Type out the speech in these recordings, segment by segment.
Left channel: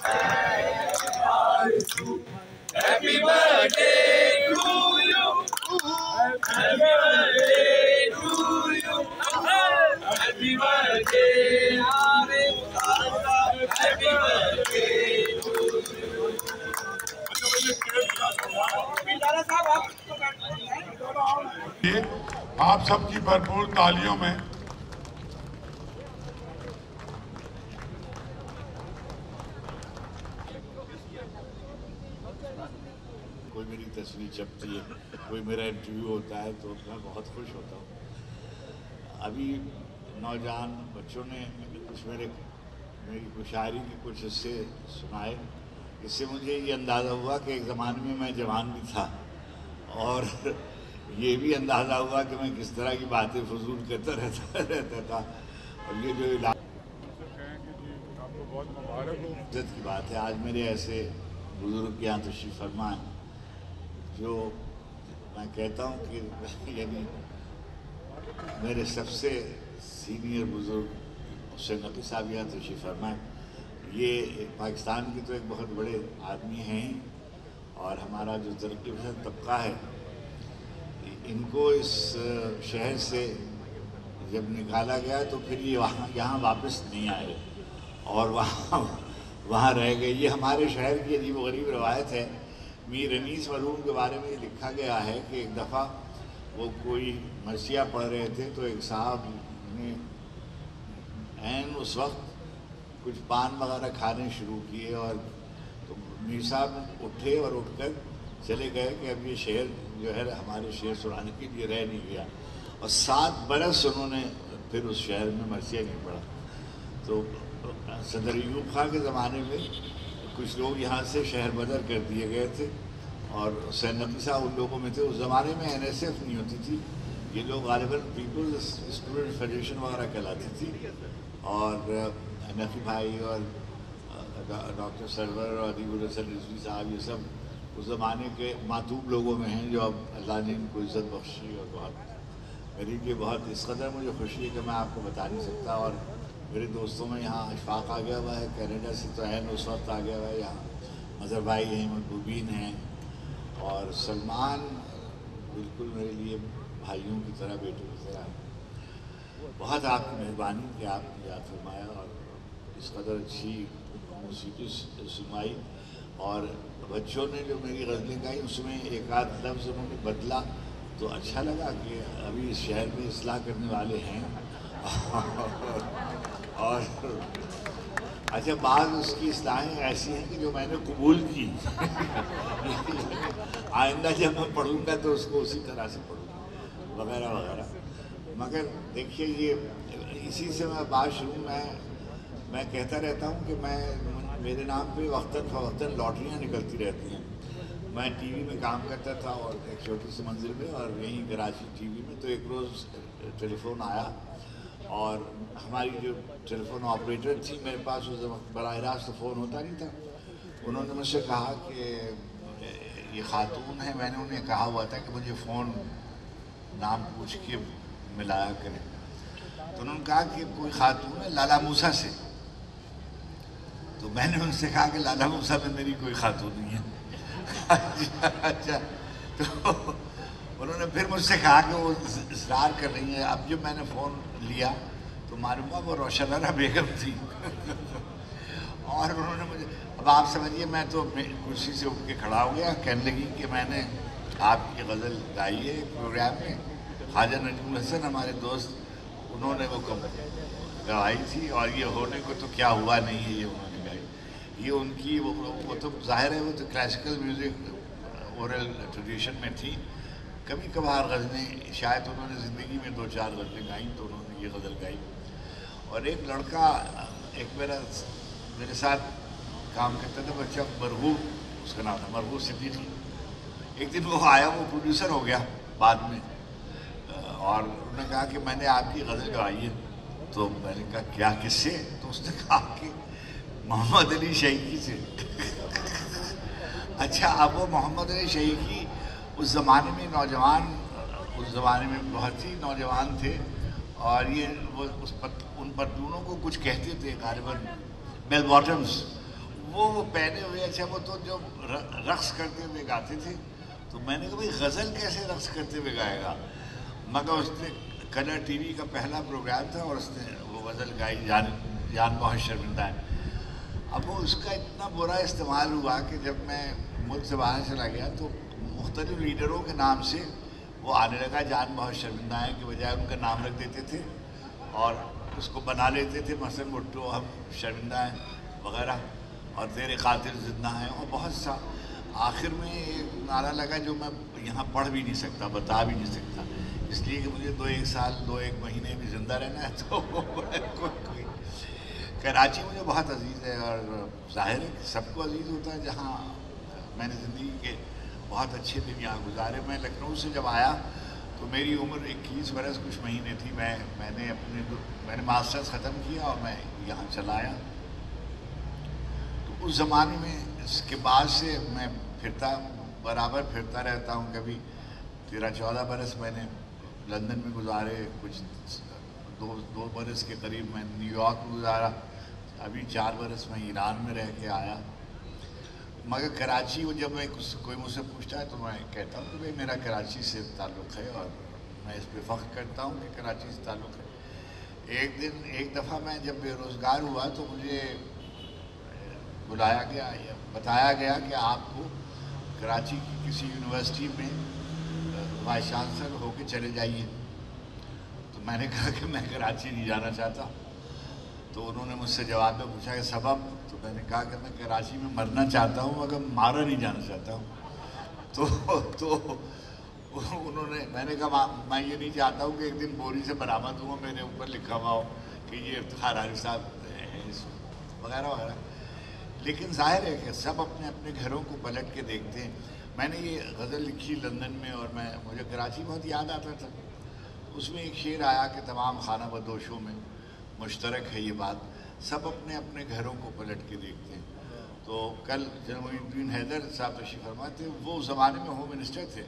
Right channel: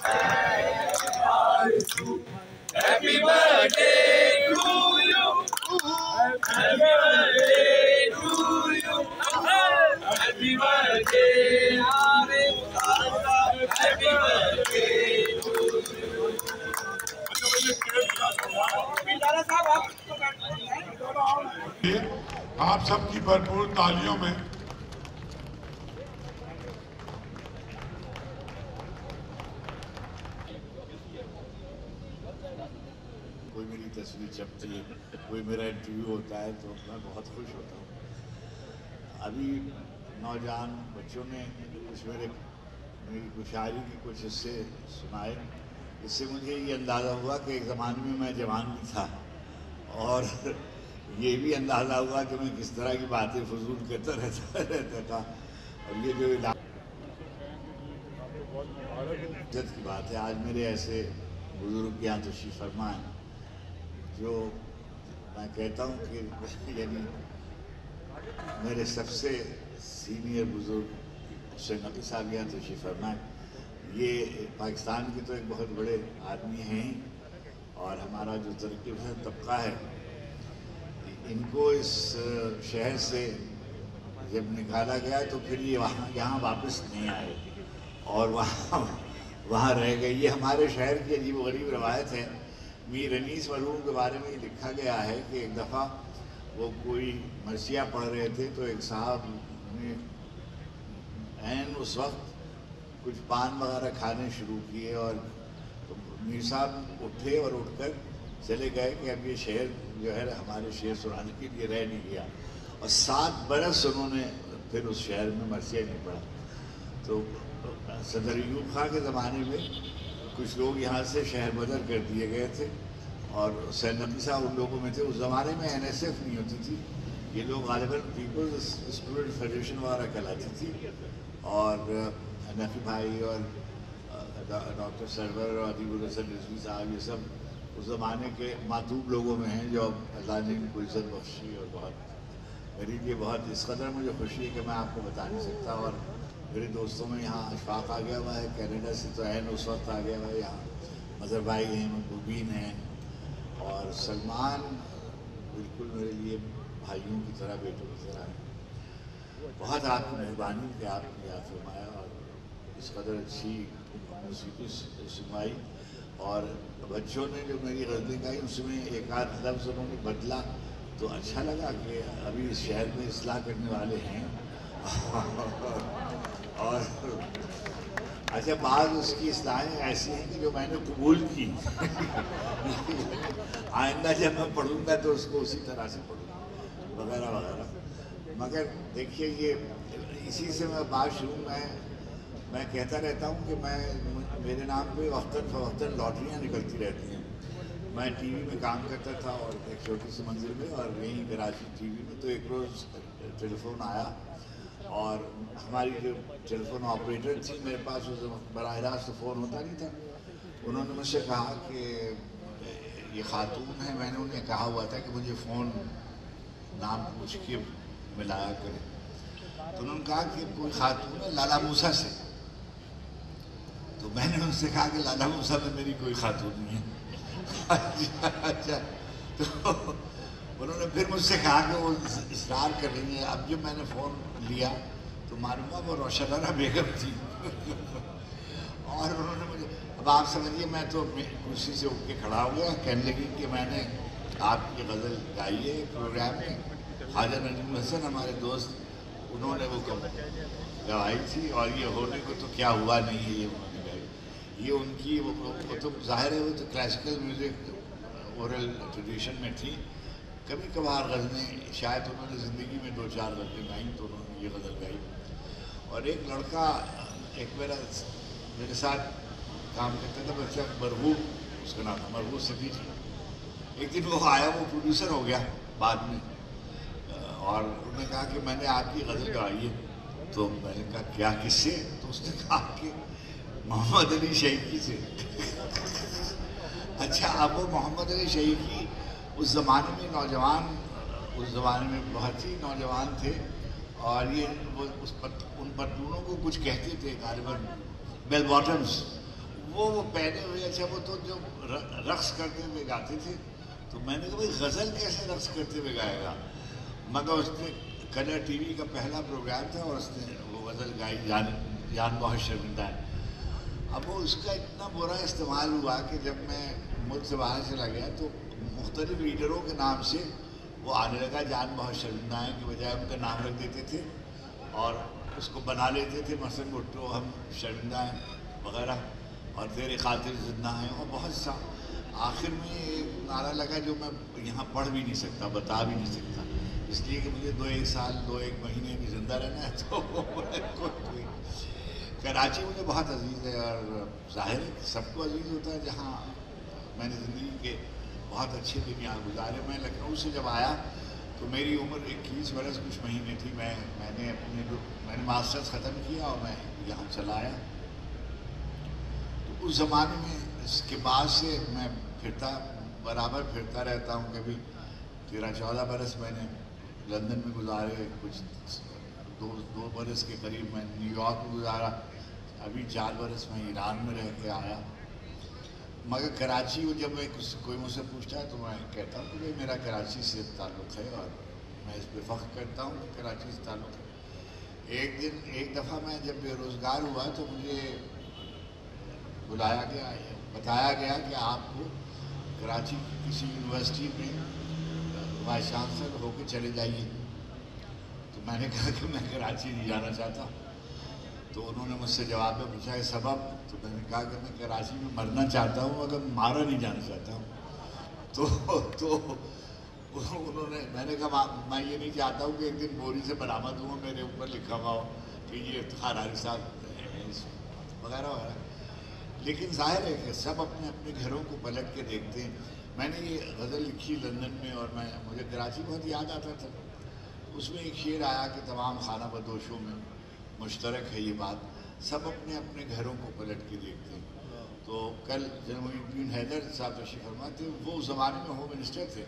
Happy birthday to you. Happy birthday to you. Happy birthday, happy birthday to you. آپ سب کی بھرپور تالیوں میں کوئی میری تصویر چھپتی ہے، کوئی میرا انٹرویو ہوتا ہے تو میں بہت خوش ہوتا ہوں. ابھی نوجوان بچوں نے کچھ میری شاعری کے کچھ حصے سنائے، اس سے مجھے یہ اندازہ ہوا کہ ایک زمانے میں جوان بھی تھا، اور یہ بھی اندازہ ہوا کہ میں کس طرح کی باتیں فضول کرتا رہتا تھا. اور یہ جو عزت کی بات ہے، آج میرے ایسے بزرگ یہاں تشریف فرما ہیں جو میں کہتا ہوں کہ یعنی میرے سب سے سینئر بزرگ حسین نقوی صاحب یہاں تشریف فرما ہیں. یہ پاکستان کے تو ایک بہت بڑے آدمی ہیں، اور ہمارا جو ترقی پسند طبقہ ہے ان کو اس شہر سے جب نکالا گیا تو پھر یہ یہاں واپس نہیں آئے اور وہاں رہ گئے. یہ ہمارے شہر کی عجیب و غریب روایت ہے. میر انیس مرحوم کے بارے میں یہ لکھا گیا ہے کہ ایک دفعہ وہ کوئی مرثیہ پڑھ رہے تھے تو ایک صاحب نے عین اس وقت کچھ پان وغیرہ کھانے شروع کیے، اور تو میر صاحب اٹھے اور اٹھ کر چلے گئے کہ اب یہ شعر جو ہے ہمارے شعر سنانے کے لیے رہ نہیں گیا، اور 7 برس انہوں نے پھر اس شہر میں مرثیہ نہیں پڑھا. تو صدر ایوب خان کے زمانے میں کچھ لوگ یہاں سے شہر بدر کر دیے گئے تھے، اور حسین نقوی صاحب ان لوگوں میں تھے. اس زمانے میں NSF نہیں ہوتی تھی، یہ لوگ غالباً پیپلز اسٹوڈنٹ فیڈریشن وغیرہ کہلاتی تھی، اور نقوی بھائی اور ڈاکٹر سرور اور علی الحسن رضوی صاحب یہ سب اس زمانے کے معتوب لوگوں میں ہیں جو اب اللہ نے ان کو عزت بخشی. اور بہت میری لیے بہت اس قدر مجھے خوشی ہے کہ میں آپ کو بتا نہیں سکتا. اور میرے دوستوں میں یہاں اشفاق آ گیا ہوا ہے کینیڈا سے، تو عین اس وقت آ گیا ہوا ہے. یہاں مظہر بھائی ہیں، مبین ہیں، اور سلمان بالکل میرے لیے بھائیوں کی طرح، بیٹوں کی طرح. بہت آپ کی مہربانی کہ آپ نے یاد فرمایا اور اس قدر اچھی موسیقی سنوائی. اور بچوں نے جو میری غزلیں گائی اس میں ایک آدھ لفظ انہوں نے بدلا تو اچھا لگا کہ ابھی اس شہر میں اصلاح کرنے والے ہیں. اور اچھا بعض اس کی اصلاحیں ایسی ہیں کہ جو میں نے قبول کی. آئندہ جب میں پڑھوں گا تو اس کو اسی طرح سے پڑھوں گا وغیرہ وغیرہ. مگر دیکھیے یہ اسی سے میں بات شروع میں کہتا رہتا ہوں کہ میرے نام پہ وقتاً فوقتاً لاٹریاں نکلتی رہتی ہیں. میں ٹی وی میں کام کرتا تھا اور ایک چھوٹی سی منزل میں، اور یہیں کراچی ٹی وی میں، تو ایک روز ٹیلی فون آیا، اور ہماری جو ٹیلی فون آپریٹر تھی، میرے پاس اس وقت براہ راست فون ہوتا نہیں تھا، انہوں نے مجھ سے کہا کہ یہ خاتون ہے. میں نے انہیں کہا ہوا تھا کہ مجھے فون نام پوچھ کے ملایا کریں. تو انہوں نے کہا کہ کوئی خاتون ہے لالا موسیٰ سے. تو میں نے ان سے کہا کہ لالا موسیٰ میں میری کوئی خاتون نہیں ہے. اچھا. تو انہوں نے پھر مجھ سے کہا کہ وہ اصرار کر رہی ہیں. اب جب میں نے فون لیا تو معلوم ہوا وہ روشنانہ بیگم تھی. اور انہوں نے مجھے، اب آپ سمجھیے میں تو کرسی سے اٹھ کے کھڑا ہو گیا، کہنے لگی کہ میں نے آپ کی غزل گائی ہے ایک پروگرام میں. خواجہ نجم الحسن ہمارے دوست، انہوں نے وہ گوائی تھی، اور یہ ہونے کو تو کیا ہوا نہیں ہے یہ انہوں نے گائی. یہ ان کی وہ تو ظاہر ہے وہ تو کلاسیکل میوزک اورل ٹریڈیشن میں تھی. کبھی کبھار غزلیں شاید انہوں نے زندگی میں 2-4 غزلیں گائیں تو انہوں نے یہ غزل گائی. اور ایک لڑکا ایک میرے ساتھ کام کرتا تھا بچہ، مرغوب اس کا نام تھا، مرغوب صدیقی. ایک دن وہ آیا، وہ پروڈیوسر ہو گیا بعد میں، اور انہوں نے کہا کہ میں نے آپ کی غزل گوائی ہے. تو میں نے کہا کیا، کس سے؟ تو اس نے کہا کہ محمد علی شیخی سے. اچھا، اب وہ محمد علی شیخی اس زمانے میں نوجوان، اس زمانے میں بہت ہی نوجوان تھے، اور یہ وہ ان پتلونوں کو کچھ کہتے تھے غالباً بیل باٹمز. وہ وہ پہنے ہوئے، اچھا وہ تو جو رقص کرتے ہوئے گاتے تھے، تو میں نے کہا بھائی غزل کیسے رقص کرتے ہوئے گائے گا؟ مگر اس نے کلر ٹی وی کا پہلا پروگرام تھا اور اس نے وہ غزل گائی، جان بہت شرمندہ ہے۔ اب وہ اس کا اتنا برا استعمال ہوا کہ جب میں ملک سے باہر چلا گیا تو مختلف لیڈروں کے نام سے وہ آنے لگا، جان بہت شرمندہ ہے کہ بجائے ان کا نام رکھ دیتے تھے اور اس کو بنا لیتے تھے، مثلاً بھٹو ہم شرمندہ ہیں وغیرہ، اور تیرے قاتل زندہ ہیں، اور بہت سا۔ آخر میں ایک نعرہ لگا جو میں یہاں پڑھ بھی نہیں سکتا، بتا بھی نہیں سکتا، اس لیے کہ مجھے 2-1 سال 2-1 مہینے بھی زندہ رہنا ہے۔ تو کراچی مجھے بہت عزیز ہے، اور ظاہر ہے کہ سب کو عزیز ہوتا ہے جہاں میں نے زندگی کے بہت اچھے دن یہاں گزارے۔ میں لکھنؤ سے جب آیا تو میری عمر 21 برس کچھ مہینے تھی، میں نے ماسٹرز ختم کیا اور میں یہاں چلا آیا۔ تو اس زمانے میں اس کے بعد سے میں برابر پھرتا رہتا ہوں، کبھی 13-14 برس میں نے لندن میں گزارے، کچھ 2 برس کے قریب میں نیو یارک میں گزارا، ابھی 4 برس میں ایران میں رہ کے آیا۔ مگر کراچی جب کوئی مجھ سے پوچھتا ہے تو میں کہتا ہوں کہ بھائی میرا کراچی سے تعلق ہے، اور میں اس پہ فخر کرتا ہوں کہ کراچی سے تعلق ہے۔ ایک دفعہ میں جب بے روزگار ہوا تو مجھے بلایا گیا، بتایا گیا کہ آپ کو کراچی کی کسی یونیورسٹی میں وائس چانسلر ہو کے چلے جائیے۔ تو میں نے کہا کہ میں کراچی نہیں جانا چاہتا۔ تو انہوں نے مجھ سے جواب میں پوچھا کہ سبب؟ تو میں نے کہا کہ میں کراچی میں مرنا چاہتا ہوں مگر مارا نہیں جانا چاہتا ہوں۔ تو انہوں نے، میں نے کہا میں یہ نہیں چاہتا ہوں کہ ایک دن بوری سے برآمد ہوں میرے اوپر لکھا ہوا ہو کہ یہ افتخار علی صاحب وغیرہ وغیرہ۔ لیکن ظاہر ہے کہ سب اپنے اپنے گھروں کو پلٹ کے دیکھتے ہیں۔ میں نے یہ غزل لکھی لندن میں، اور مجھے کراچی بہت یاد آتا تھا۔ اس میں ایک شعر آیا کہ تمام خانہ بدوشوں میں مشترک ہے یہ بات، سب اپنے اپنے گھروں کو پلٹ کے دیکھتے ہیں۔ تو کل جناب محی الدین حیدر صاحب تشریف فرما تھے، وہ اس زمانے میں ہوم منسٹر تھے،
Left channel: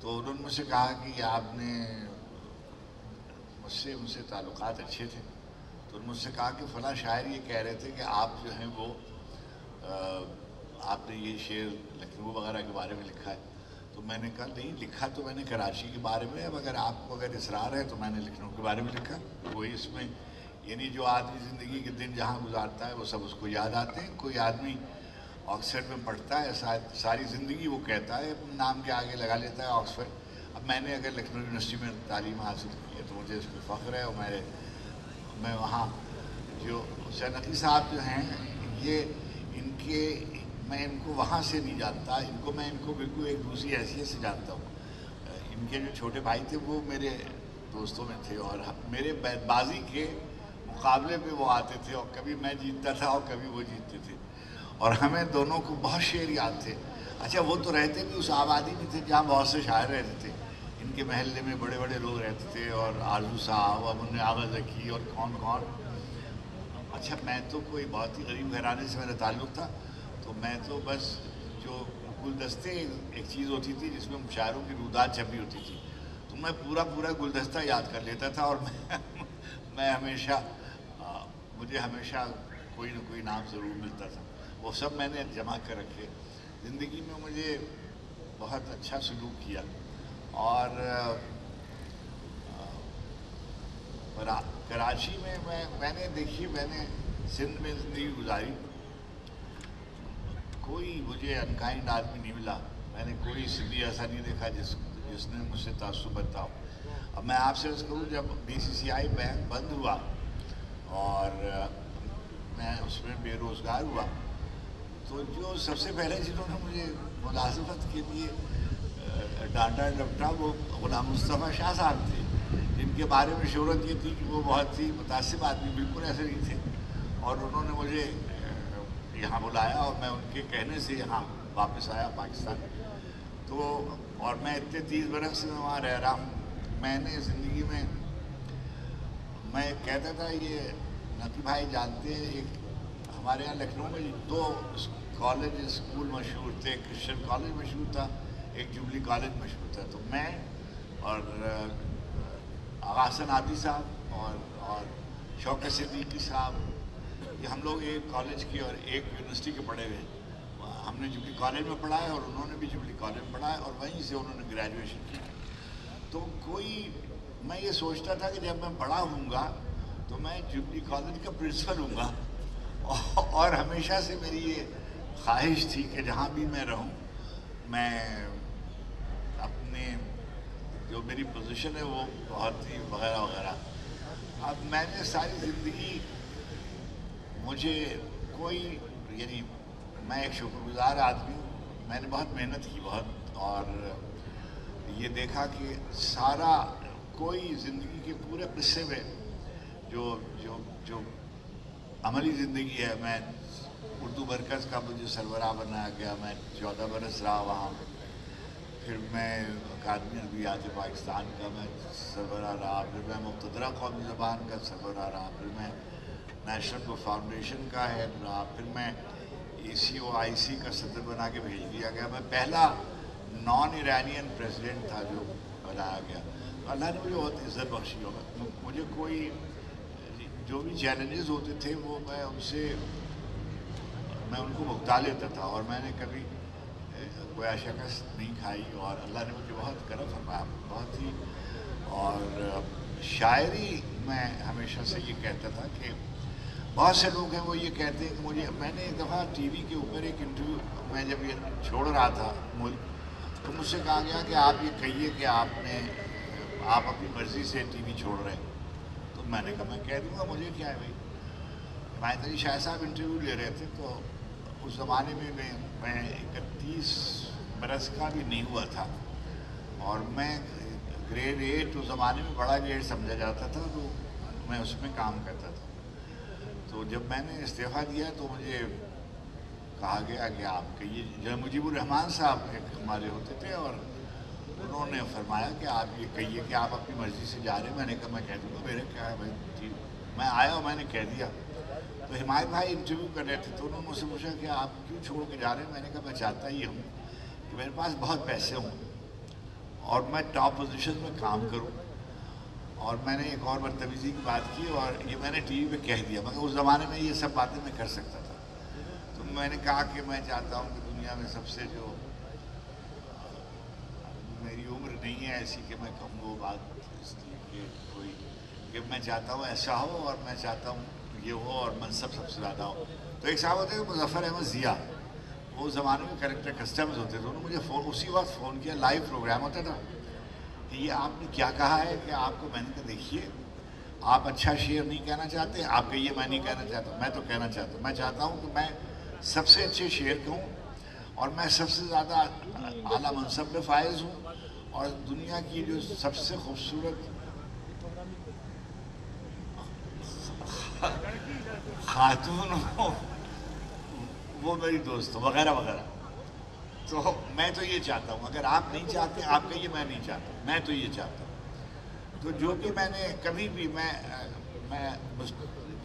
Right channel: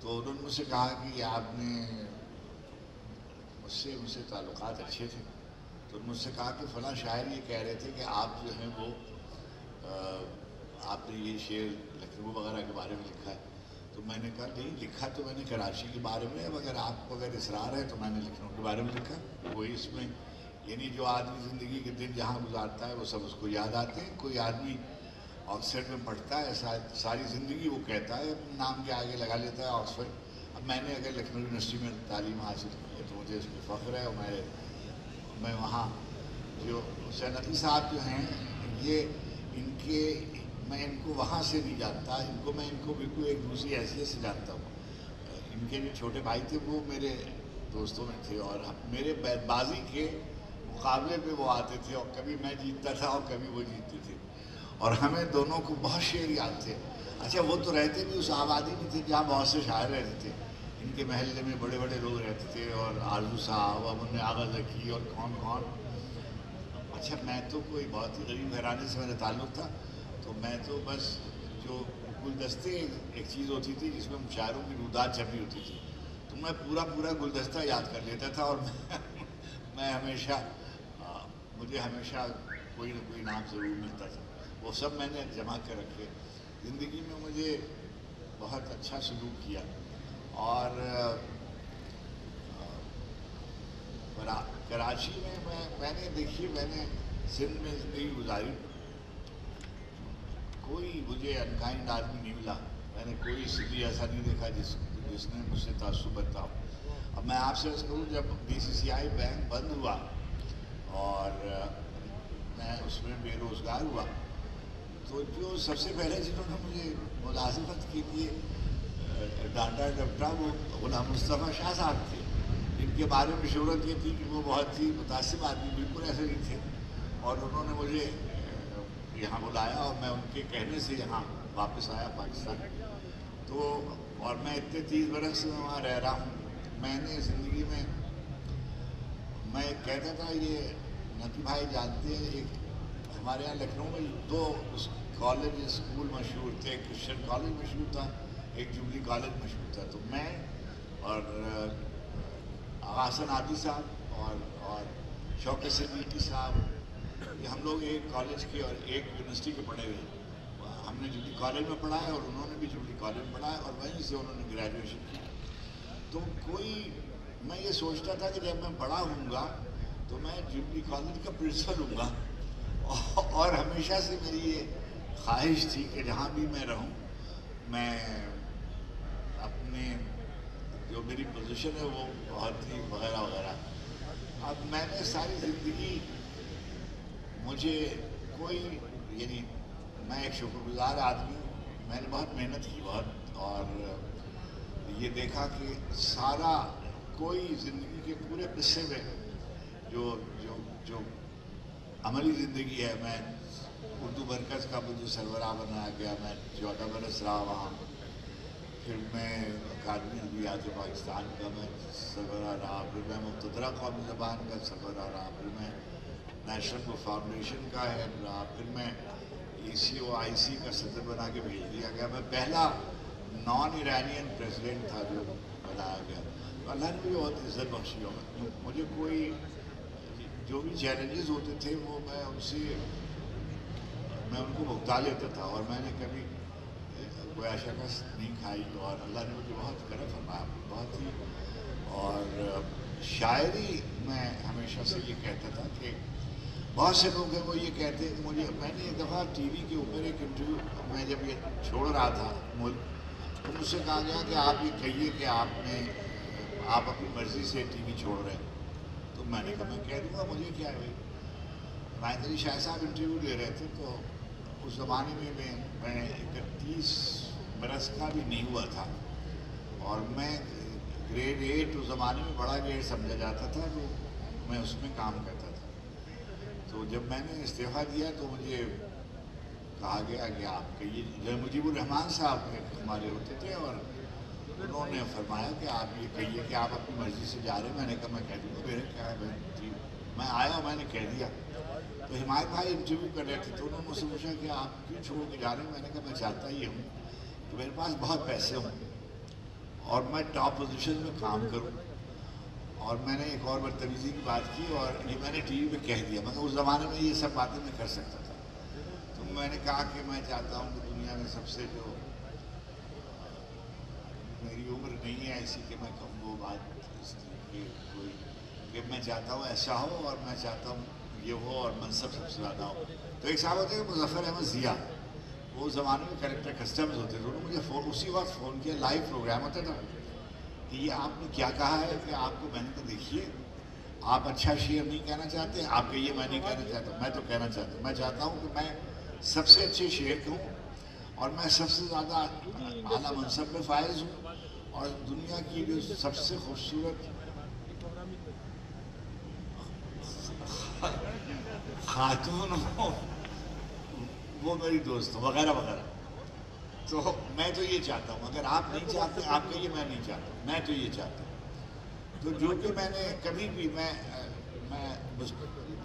تو انہوں نے مجھ سے کہا کہ آپ نے مجھ سے تعلقات اچھے تھے، تو انہوں نے مجھ سے کہا کہ فلاں شاعر یہ کہہ رہے تھے کہ آپ جو ہیں وہ آپ نے یہ شعر لکھنؤ وغیرہ کے بارے میں لکھا ہے۔ تو میں نے کہا نہیں، لکھا تو میں نے کراچی کے بارے میں ہے، مگر آپ کو اگر اصرار ہے تو میں نے لکھنؤ کے بارے میں لکھا۔ وہی اس میں یعنی جو آدمی زندگی کے دن جہاں گزارتا ہے وہ سب اس کو یاد آتے ہیں۔ کوئی آدمی آکسفرڈ میں پڑھتا ہے، ساری زندگی وہ کہتا ہے، اپنے نام کے آگے لگا لیتا ہے آکسفرڈ۔ اب میں نے اگر لکھنؤ یونیورسٹی میں تعلیم حاصل کی ہے تو مجھے اس پہ فخر ہے، اور میں وہاں جو حسین عقیل صاحب جو ہیں میں ان کو وہاں سے نہیں جانتا، ان کو بالکل ایک دوسری حیثیت سے جانتا ہوں۔ ان کے جو چھوٹے بھائی تھے وہ میرے دوستوں میں تھے، اور میرے بازی کے مقابلے میں وہ آتے تھے، اور کبھی میں جیتتا تھا اور کبھی وہ جیتتے تھے، اور ہمیں دونوں کو بہت شعر یاد تھے۔ اچھا وہ تو رہتے بھی اس آبادی میں تھے جہاں بہت سے شاعر رہتے تھے، ان کے محلے میں بڑے بڑے لوگ رہتے تھے، اور آرزو صاحب اور منع آغا زکی اور کون کون۔ اچھا میں تو کوئی بہت ہی غریب گھرانے سے میرا تعلق تھا، تو میں تو بس جو گلدستے ایک چیز ہوتی تھی جس میں شاعروں کی رودات چھپی ہوتی تھی، تو میں پورا گلدستہ یاد کر لیتا تھا، اور میں مجھے ہمیشہ کوئی نہ کوئی نام ضرور ملتا تھا۔ وہ سب میں نے جمع کر رکھے۔ زندگی میں مجھے بہت اچھا سلوک کیا، اور کراچی میں میں نے سندھ میں زندگی گزاری، کوئی مجھے انکائنڈ آدمی نہیں ملا، میں نے کوئی سندھی ایسا نہیں دیکھا جس نے مجھ سے تعصب برتا ہو۔ اب میں آپ سے عرض کروں، جب BCCI بینک بند ہوا اور میں اس میں بے روزگار ہوا، تو جو سب سے پہلے جنہوں نے مجھے ملازمت کے لیے ڈانٹا ڈپٹا وہ غلام مصطفیٰ شاہ صاحب تھے، جن کے بارے میں شہرت یہ تھی کہ وہ بہت ہی متعصب آدمی، بالکل ایسے نہیں تھے، اور انہوں نے مجھے یہاں بلایا، اور میں ان کے کہنے سے یہاں واپس آیا پاکستان۔ تو اور میں اتنے 30 برس سے وہاں رہ رہا ہوں۔ میں نے زندگی میں کہتا تھا، یہ نقی بھائی جانتے ہیں، ایک ہمارے یہاں لکھنؤ میں 2 کالج اسکول مشہور تھے، ایک کرسچن کالج مشہور تھا، ایک جوبلی کالج مشہور تھا۔ تو میں اور آغا حسن عادی صاحب اور شوکت صدیقی صاحب کہ ہم لوگ ایک کالج کے اور ایک یونیورسٹی کے پڑھے ہوئے، ہم نے جوبلی کالج میں پڑھا ہے اور انہوں نے بھی جوبلی کالج میں پڑھا ہے اور وہیں سے انہوں نے گریجویشن کی. تو میں یہ سوچتا تھا کہ جب میں بڑا ہوں گا تو میں جوبلی کالج کا پرنسپل ہوں گا، اور ہمیشہ سے میری یہ خواہش تھی کہ جہاں بھی میں رہوں میں اپنے جو میری پوزیشن ہے وہ بہت ہی وغیرہ وغیرہ. اب میں نے ساری زندگی مجھے یعنی میں ایک شکر گزار آدمی ہوں، میں نے بہت محنت کی بہت، اور یہ دیکھا کہ سارا کوئی زندگی کے پورے قصے میں جو عملی زندگی ہے، میں اردو مرکز کا مجھے سربراہ بنایا گیا، میں 14 برس رہا وہاں، پھر میں اکادمی ادبیات پاکستان کا میں سربراہ رہا، پھر میں مقتدرہ قومی زبان کا سربراہ رہا، پھر میں نیشنل بک فاؤنڈیشن کا ہیڈ رہا، پھر میں ECOIC کا صدر بنا کے بھیج دیا گیا. میں پہلا نان ایرانین پریزیڈنٹ تھا جو بنایا گیا. اللہ نے مجھے بہت عزت بخشی. مجھے کوئی جو بھی چیلنجز ہوتے تھے وہ میں ان کو بھگتا لیتا تھا، اور میں نے کبھی کوئی شکست نہیں کھائی، اور اللہ نے مجھے بہت کرم فرمایا بہت ہی. اور شاعری میں ہمیشہ سے یہ کہتا تھا کہ بہت سے لوگ ہیں وہ یہ کہتے ہیں کہ میں نے ایک دفعہ ٹی وی کے اوپر ایک انٹرویو میں جب یہ چھوڑ رہا تھا ملک، تو مجھ سے کہا گیا کہ آپ یہ کہیے کہ آپ اپنی مرضی سے ٹی وی چھوڑ رہے ہیں. تو میں نے کہا میں کہہ دوں گا، مجھے کیا ہے بھائی. مہندر علی شاہ صاحب انٹرویو لے رہے تھے، تو اس زمانے میں میں 31 برس کا بھی نہیں ہوا تھا، اور میں گریڈ 8 اس زمانے میں بڑا گریڈ سمجھا جاتا تھا، تو میں اس میں کام کرتا تھا. تو جب میں نے استعفیٰ دیا تو مجھے کہا گیا کہ آپ کہیے. جنرل مجیب الرحمان صاحب ہمارے ہوتے تھے، اور انہوں نے فرمایا کہ آپ یہ کہیے کہ آپ اپنی مرضی سے جا رہے ہیں. میں نے کہا میں کہہ دوں گا، میرے کیا ہے بھائی. میں آیا اور میں نے کہہ دیا. تو حمایت بھائی انٹرویو کر رہے تھے، تو انہوں نے مجھ سے پوچھا کہ آپ کیوں چھوڑ کے جا رہے ہیں. میں نے کہا میں چاہتا ہی ہوں کہ میرے پاس بہت پیسے ہوں اور میں ٹاپ پوزیشن میں کام کروں. اور میں نے ایک اور بدتمیزی کی بات کی، اور یہ میں نے ٹی وی پہ کہہ دیا، مگر اس زمانے میں یہ سب باتیں میں کر سکتا تھا. تو میں نے کہا کہ میں چاہتا ہوں کہ دنیا میں سب سے جو میری عمر نہیں ہے ایسی کہ میں کہوں وہ بات اس لیے کہ میں چاہتا ہوں ایسا ہو، اور میں چاہتا ہوں یہ ہو، اور منصب سب سے زیادہ ہو. تو ایک صاحب ہوتے ہیں مظفر احمد ضیاء، وہ اس زمانے میں کریکٹر کسٹمز ہوتے تھے. انہوں نے مجھے اسی وقت فون کیا، لائیو پروگرام ہوتا تھا، کہ یہ آپ نے کیا کہا ہے کہ آپ کو. میں نے کہا دیکھیے آپ اچھا شعر نہیں کہنا چاہتے، آپ کہیے میں نہیں کہنا چاہتا. میں تو کہنا چاہتا ہوں، میں چاہتا ہوں کہ میں سب سے اچھے شعر کہوں، اور میں سب سے زیادہ اعلیٰ منصب میں فائز ہوں، اور دنیا کی جو سب سے خوبصورت خاتون ہو وہ میری دوست ہو، وغیرہ وغیرہ. تو میں تو یہ چاہتا ہوں. اگر آپ نہیں چاہتے آپ کہیے میں نہیں چاہتا، میں تو یہ چاہتا ہوں. تو جو کہ میں نے کبھی بھی میں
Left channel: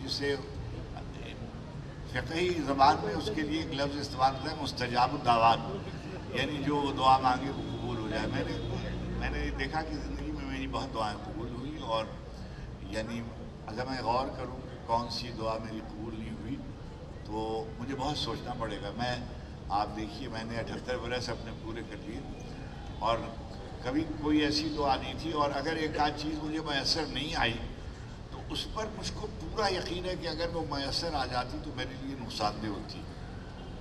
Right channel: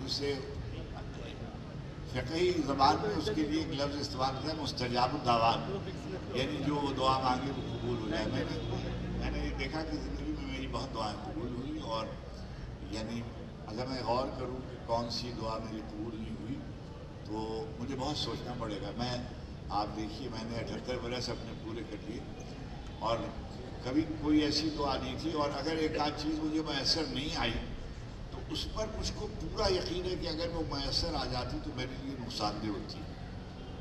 جسے فقہی زبان میں اس کے لیے ایک لفظ استعمال کرتا ہے مستجاب الدعوات، یعنی جو دعا مانگے وہ قبول ہو جائے. میں نے دیکھا کہ زندگی میں میری بہت دعائیں قبول ہوئی، اور یعنی اگر میں غور کروں کہ کون سی دعا میری قبول نہیں ہوئی تو مجھے بہت سوچنا پڑے گا. آپ دیکھیے میں نے 78 برس اپنے پورے کر لیے، اور کبھی کوئی ایسی دعا نہیں تھی. اور اگر ایک آدھ چیز مجھے میسر نہیں آئی تو اس پر مجھ کو پورا یقین ہے کہ اگر وہ میسر آ جاتی تو میرے لیے نقصان دہ ہوتی،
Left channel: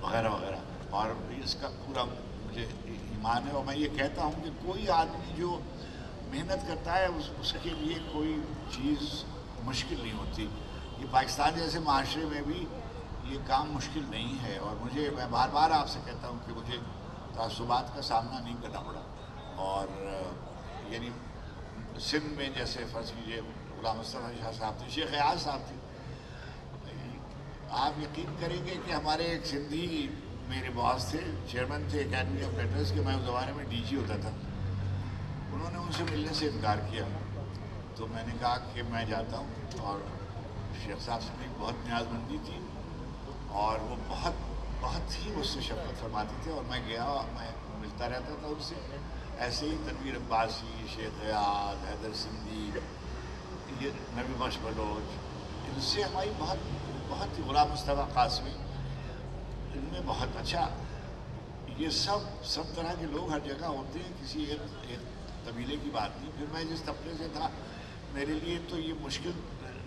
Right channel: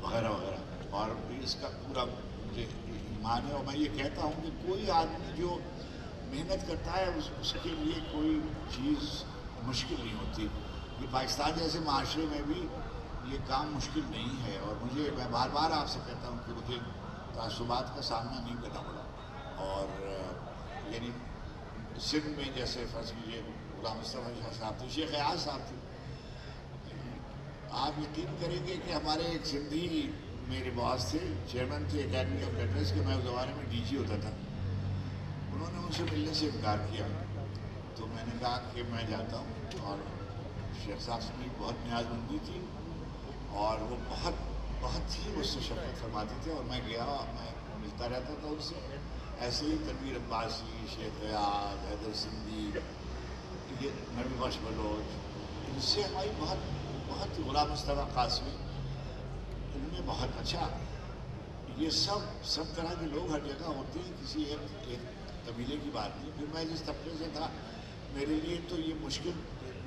وغیرہ وغیرہ. اور اس کا پورا مجھے ایمان ہے. اور میں یہ کہتا ہوں کہ کوئی آدمی جو محنت کرتا ہے اس کے لیے کوئی چیز مشکل نہیں ہوتی. یہ پاکستان جیسے معاشرے میں بھی یہ کام مشکل نہیں ہے. اور میں بار بار آپ سے کہتا ہوں کہ مجھے تعصبات کا سامنا نہیں کرنا پڑا. اور یعنی سندھ میں جیسے فرض کیجیے غلام مصطفیٰ شاہ صاحب تھے، شیخ ایاز صاحب تھے. آپ یقین کریں گے کہ ہمارے ایک سندھی میرے باس تھے، چیئرمین تھے اکیڈمی آف لیٹرز کے. میں اس زمانے میں ڈی جی ہوتا تھا. انہوں نے ان سے ملنے سے انکار کیا. تو میں نے کہا کہ میں جاتا ہوں. اور شیخ صاحب سے میری بہت نیاز مندی تھی، اور وہ بہت ہی مجھ سے شفقت فرماتے تھے. اور میں گیا، میں ملتا رہتا تھا ان سے. ایسے ہی تنویر عباسی، شیخ ریاض، حیدر سندھی، یہ نبی بخش بلوچ، ان سے ہماری بہت بہت ہی غلام مصطفیٰ قاسمی، ان میں بہت اچھا، یہ سب طرح کے لوگ ہر جگہ ہوتے ہیں، کسی ایک قبیلے کی بات نہیں. پھر میں جس طبقے سے تھا میرے لیے تو یہ مشکل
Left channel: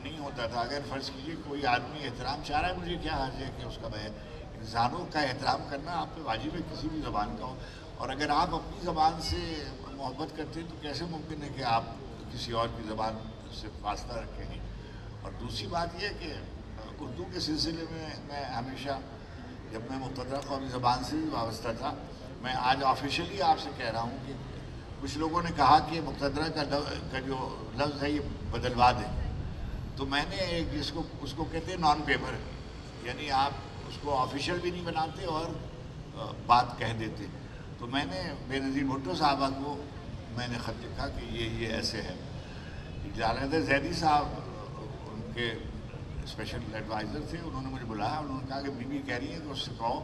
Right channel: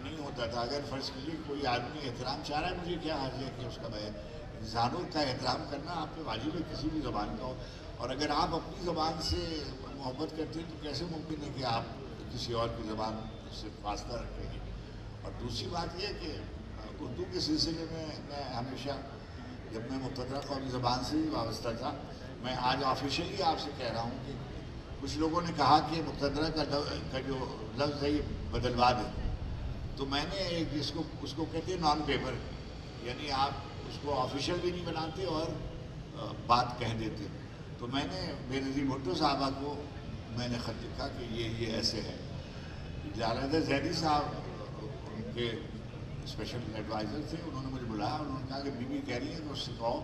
نہیں ہوتا تھا. اگر فرض کیجیے کوئی آدمی احترام چاہ رہا ہے، مجھے کیا حرج ہے کہ اس کا انسانوں کا احترام کرنا آپ پہ واجب ہے کسی بھی زبان کا ہو. اور اگر آپ اپنی زبان سے محبت کرتے ہیں تو کیسے ممکن ہے کہ آپ کسی اور کی زبان سے واسطہ رکھیں گے. اور دوسری بات یہ ہے کہ اردو کے سلسلے میں ہمیشہ، جب میں مقتدرہ قومی زبان سے بھی وابستہ تھا، میں آج آفیشلی آپ سے کہہ رہا ہوں کہ کچھ لوگوں نے کہا کہ مقتدرہ کا جو لفظ ہے یہ بدلوا دیں، تو میں نے اس کو کہتے ہیں نان پیپر، یعنی آپ اس کو آفیشیل بھی نہیں بناتے اور بات کہہ دیتے. تو میں نے بے نظیر بھٹو صاحبہ کو میں نے خط لکھا کہ یہ ایسے ہے. جلال زیدی صاحب ان کے اسپیشل ایڈوائزر تھے، انہوں نے مجھے بلایا، انہوں نے کہا کہ بی بی کہہ رہی ہے کہ اس سے کہو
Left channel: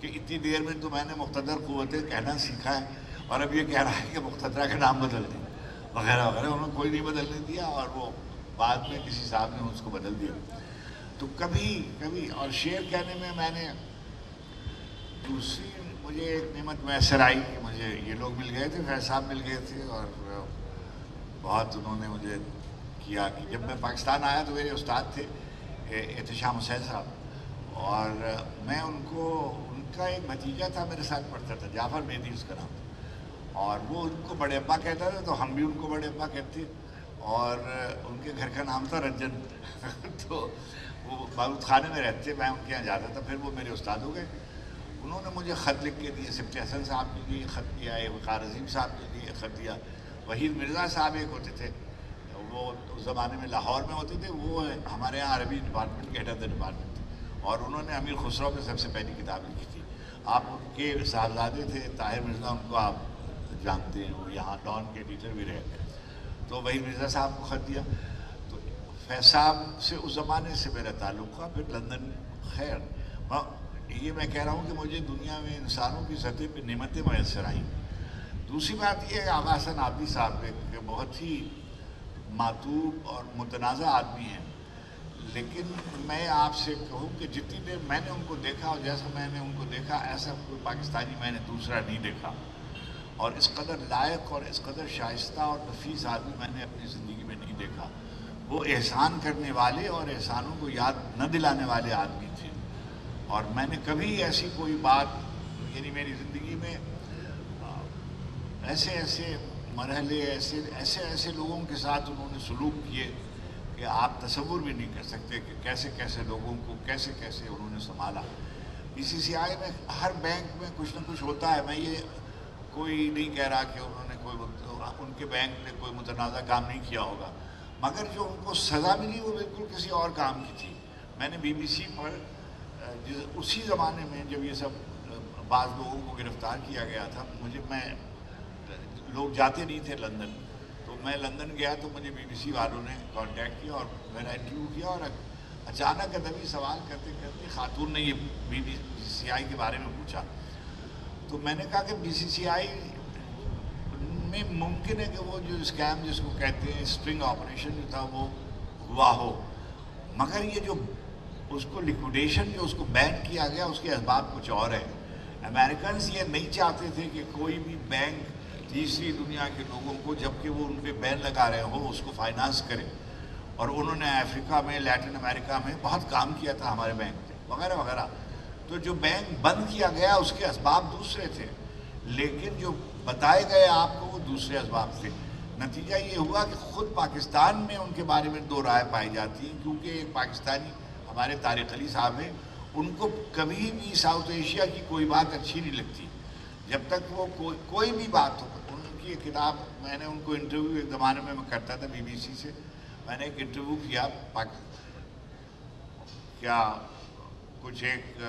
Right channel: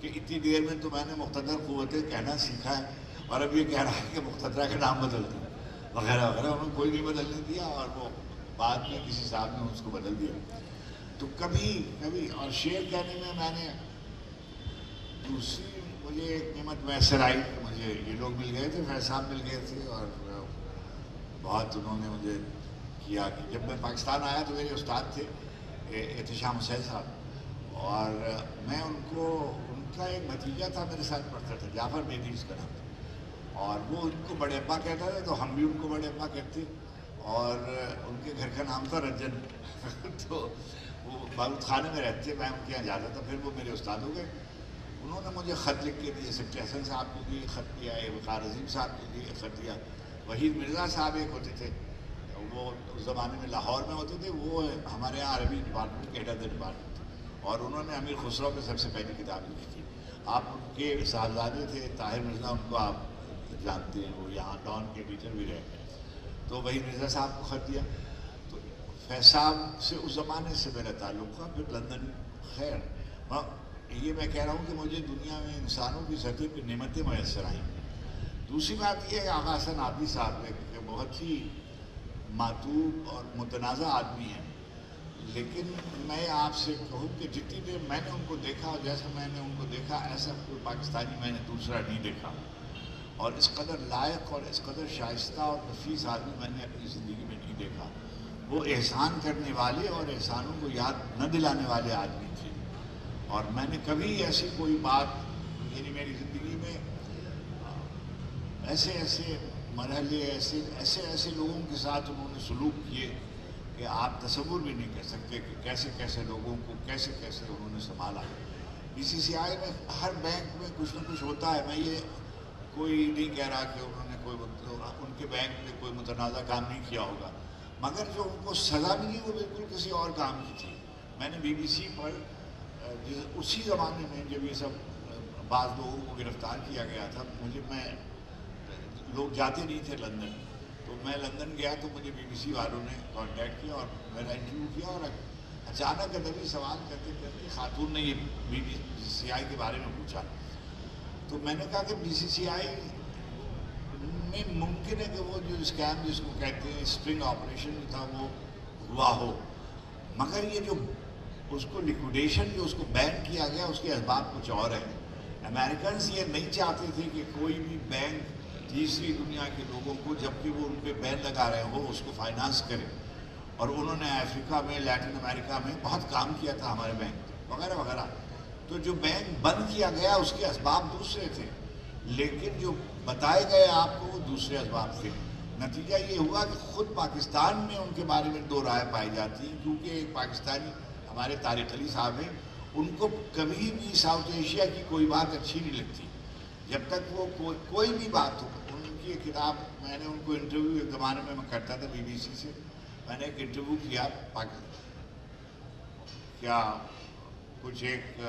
کہ اتنی دیر میں تو میں نے مقتدر قوتیں کہنا سیکھا ہے اور اب یہ کہہ رہا ہے کہ مقتدرہ کا نام بدل دیں وغیرہ وغیرہ. انہوں نے کوئی نہیں بدلنے دیا اور وہ بعد میں کسی صاحب نے اس کو بدل دیا. تو کبھی اور شعر کہنے میں نے دوسری مجھے ایک نعمت میسر آئی کہ مجھے یہ لوگ مل گئے تھے، فیض صاحب مل گئے تھے اور بہت انہوں نے مجھے کیا کہ جب میں پاکستان آیا تو میرے استاد تھے احتشام حسین صاحب، اور میں ان کا ایک بھتیجا تھا میرے ساتھ پڑھتا تھا، جعفر مہدی اس کا نام تھا، اور وہ ان کو بڑے ابا کہتا تھا تو ہم بھی ان کو بڑے ابا کہتے، اور ان کے گھر کا نام تھا رنجن. تو وہ باروت خانے میں رہتے، میں ان کے یہاں جاتا تھا، پھر وہ میرے استاد ہو گئے. انہوں نے مجھے خط لکھ کے دیے، سبتی حسن صاحب کے لیے خط دیا، وقار عظیم صاحب کے لیے خط دیا، وحید مرزا صاحب ایک ہوتے تھے، وہ اس زمانے میں لاہور میں ہوتے تھے، وہ ہمارے یہاں عربی ڈپارٹمنٹ کے ہیڈ آف دا ڈپارٹمنٹ تھے، اور انہوں نے امیر خسرو میں سب سے پہلی کتاب لکھی تھی. آپ ان کے صاحبزادے تھے طاہر مرزا، ان کو آپ جانتے ہیں، وہ یہاں ڈان کے ایڈیٹر بھی رہے. تو وحید مرزا صاحب کو خط دیا. تو فیض صاحب سے اس زمانے سے میرا تعلق ہوا. پھر لندن، خیر یہ میں کہہ رہا ہوں کہ مجھے دنیا میں انسانوں کی سطح پہ نعمتیں میسر آئیں. دوسری بات یہ ہے آغا حسن عابدی صاحب کہ بہت ہی معتوب اور متنازع آدمی ہیں، لیکن میں آپ سے کہوں کہ جتنی دیر میں نے ان کو دیکھا اور جیسا میں نے ان کو دیکھا ایسا کوئی پاکستانی میں نے دوسرا نہیں دیکھا، اور اس قدر لائق اور اس قدر شائستہ اور نفیس آدمی میں نے اپنی زندگی میں نہیں دیکھا. وہ احسان کرنے والے اور احسانوں کو یاد نہ دلانے والے آدمی تھے. اور میں نے کبھی ایسی کوئی بات، یعنی میری زندگی میں ایسے مرحلے ایسے لوگوں کے ساتھ انہوں نے سلوک کیے کہ آپ تصور بھی نہیں کر سکتے کہ کیسے لوگوں کو کیسے انہوں نے سنبھالا. BCCI میں ہر بینک میں کچھ نہ کچھ ہوتا ہے. میں یہ کوئی نہیں کہہ رہا کہ انہوں نے ان کے بینک نے کوئی متنازع کام نہیں کیا ہوگا، مگر جو ان کو سزا ملی وہ بالکل کسی اور کام کی تھی. میں نے BBC پر اسی زمانے میں جب یہ سب بعض لوگوں کو گرفتار کیا گیا تھا، لوگ جاتے نہیں تھے لندن، تو میں لندن گیا تو مجھے BBC والوں نے کانٹیکٹ کیا اور میرا انٹرویو کیا، اور اچانک ادبی سوال کرتے کرتے خاتون نے یہ BCCI کے بارے میں پوچھا. تو میں نے کہا کہ BCCI میں ممکن ہے کہ وہ جو اسکیم جس کو کہتے ہیں اسپرنگ آپریشن جو تھا وہ ہوا ہو، مگر یہ جو اس کو لیکویڈیشن جو اس کو بین کیا گیا اس کے اسباب کچھ اور ہیں. امریکنز یہ نہیں چاہتے تھے کہ کوئی بھی بینک تیسری دنیا کے لوگوں کو، جبکہ وہ ان پہ بین لگا رہے ہو، اس کو فائنانس کرے. اور انہوں نے افریقہ میں، لیٹن امریکہ میں بہت کام کیا تھا ہمارے بینک پہ وغیرہ وغیرہ. تو جو بینک بند کیا گیا اس کے اسباب دوسرے تھے، لیکن جو بتائے گئے آپ کو وہ دوسرے اسباب تھے. نتیجہ یہ ہوا کہ خود پاکستان میں ان کے بارے میں دو رائے پائی جاتی ہیں، کیونکہ ایک پاکستانی ہمارے طارق علی صاحب ہیں، ان کو کبھی بھی ساؤتھ ایشیا کی کوئی بات اچھی نہیں لگتی جب تک وہ کوئی بھی بات ہو. ان کی ایک کتاب، میں نے ان کو انٹرویو ایک زمانے میں کرتا تھا BBC سے، میں نے ایک انٹرویو کیا کیا کچھ ایک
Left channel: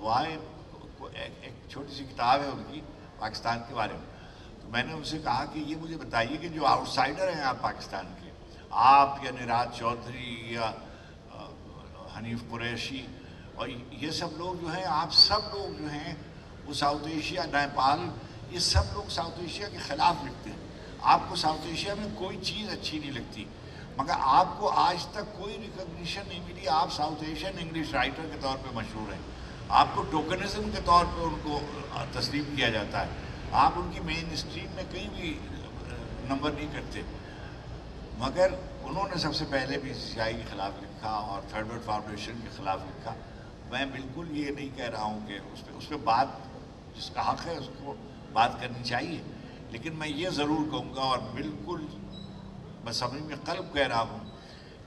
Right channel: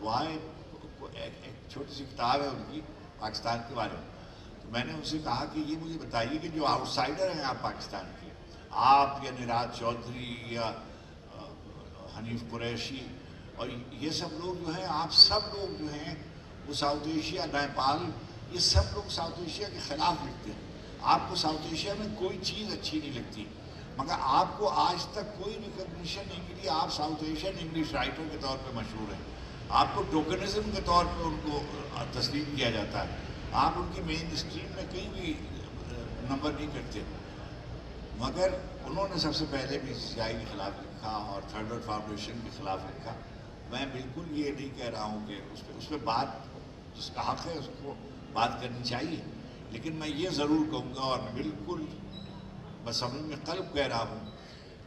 وہاں ایک چھوٹی سی کتاب ہے ان کی پاکستان کے بارے میں. میں نے ان سے کہا کہ یہ مجھے بتائیے کہ جو آؤٹ سائڈر ہیں آپ پاکستان کے، آپ یا نراج چودھری یا حنیف قریشی اور یہ سب لوگ جو ہیں، آپ سب لوگ جو ہیں وہ ساؤتھ ایشیا، نیپال، یہ سب لوگ ساؤتھ ایشیا کے خلاف لکھتے ہیں. آپ کو ساؤتھ ایشیا میں کوئی چیز اچھی نہیں لگتی. مگر آپ کو آج تک کوئی ریکگنیشن نہیں ملی. آپ ساؤتھ ایشین انگلش رائٹر کے طور پہ مشہور ہیں. آپ کو ٹوکنزم کے طور پہ ان کو تسلیم کیا جاتا ہے. آپ ان کی مین اسٹریم میں کہیں بھی نمبر نہیں کرتے. مگر انہوں نے سب سے پہلے BCCI کے خلاف لکھا اور تھرڈ ورلڈ فاؤنڈیشن کے خلاف لکھا. میں بالکل یہ نہیں کہہ رہا ہوں کہ اس پہ بات جس کا حق ہے اس کو بات کرنی چاہیے, لیکن میں یہ ضرور کہوں گا اور بالکل بصمیم میں قلب کہہ رہا ہوں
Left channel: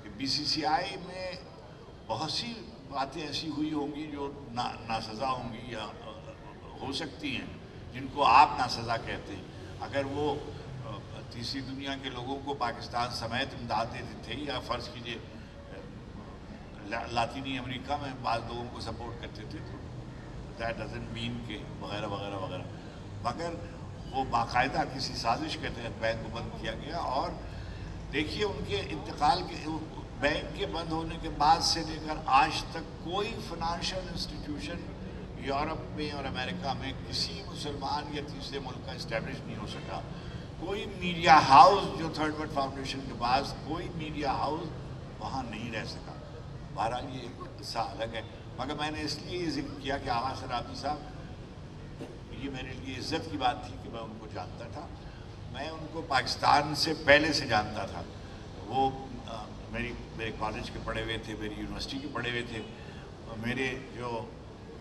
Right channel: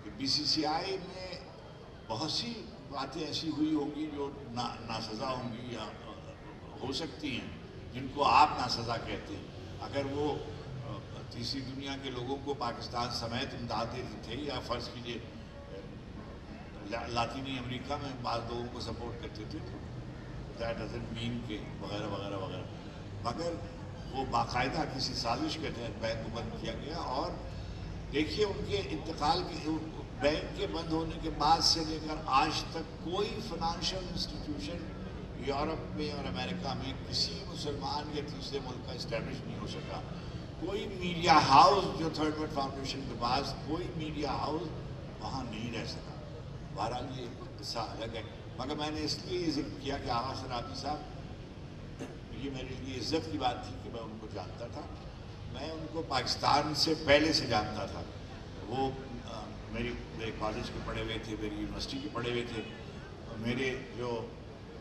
کہ BCCI میں بہت سی باتیں ایسی ہوئی ہوں گی جو ناسزا ہوں گی یا ہو سکتی ہیں, جن کو آپ ناسزا کہتے ہیں. اگر وہ تیسری دنیا کے لوگوں کو پاکستان سمیت امداد دیتے تھے یا فرض کیجیے لاطینی امریکہ میں بعض لوگوں کو سپورٹ کرتے تھے, دیٹ ڈزنٹ مین کہ وغیرہ وغیرہ وغیرہ. مگر وہ باقاعدہ کسی سازش کے تحت بینک کو بند کیا گیا. اور دیکھیے ان کے انتقال کے بینک کے بند ہونے کے بعد سے لے کر آج تک کوئی فائنانشیل انسٹیٹیوشن یورپ میں اور امریکہ میں کسی مسلمان یا تیسرے ملک کا اسٹیبلش نہیں ہو سکا. کوئی میڈیا ہاؤس جو تھرڈ ورلڈ فاؤنڈیشن کے پاس کوئی میڈیا ہاؤس وہاں نہیں رہ سکا. بہرحال یہ قصہ الگ ہے. مگر میں نے اس لیے یہ ذکر کیا کہ آغا شرابی صاحب یہ میرے لیے عزت کی بات تھی کہ میں ان کو جانتا تھا. میں ان کو پاکستان سے پہلے سے جانتا تھا. وہ میرے کالج کے پڑھے ہوئے تھے, میری یونیورسٹی کے پڑھے ہوئے تھے.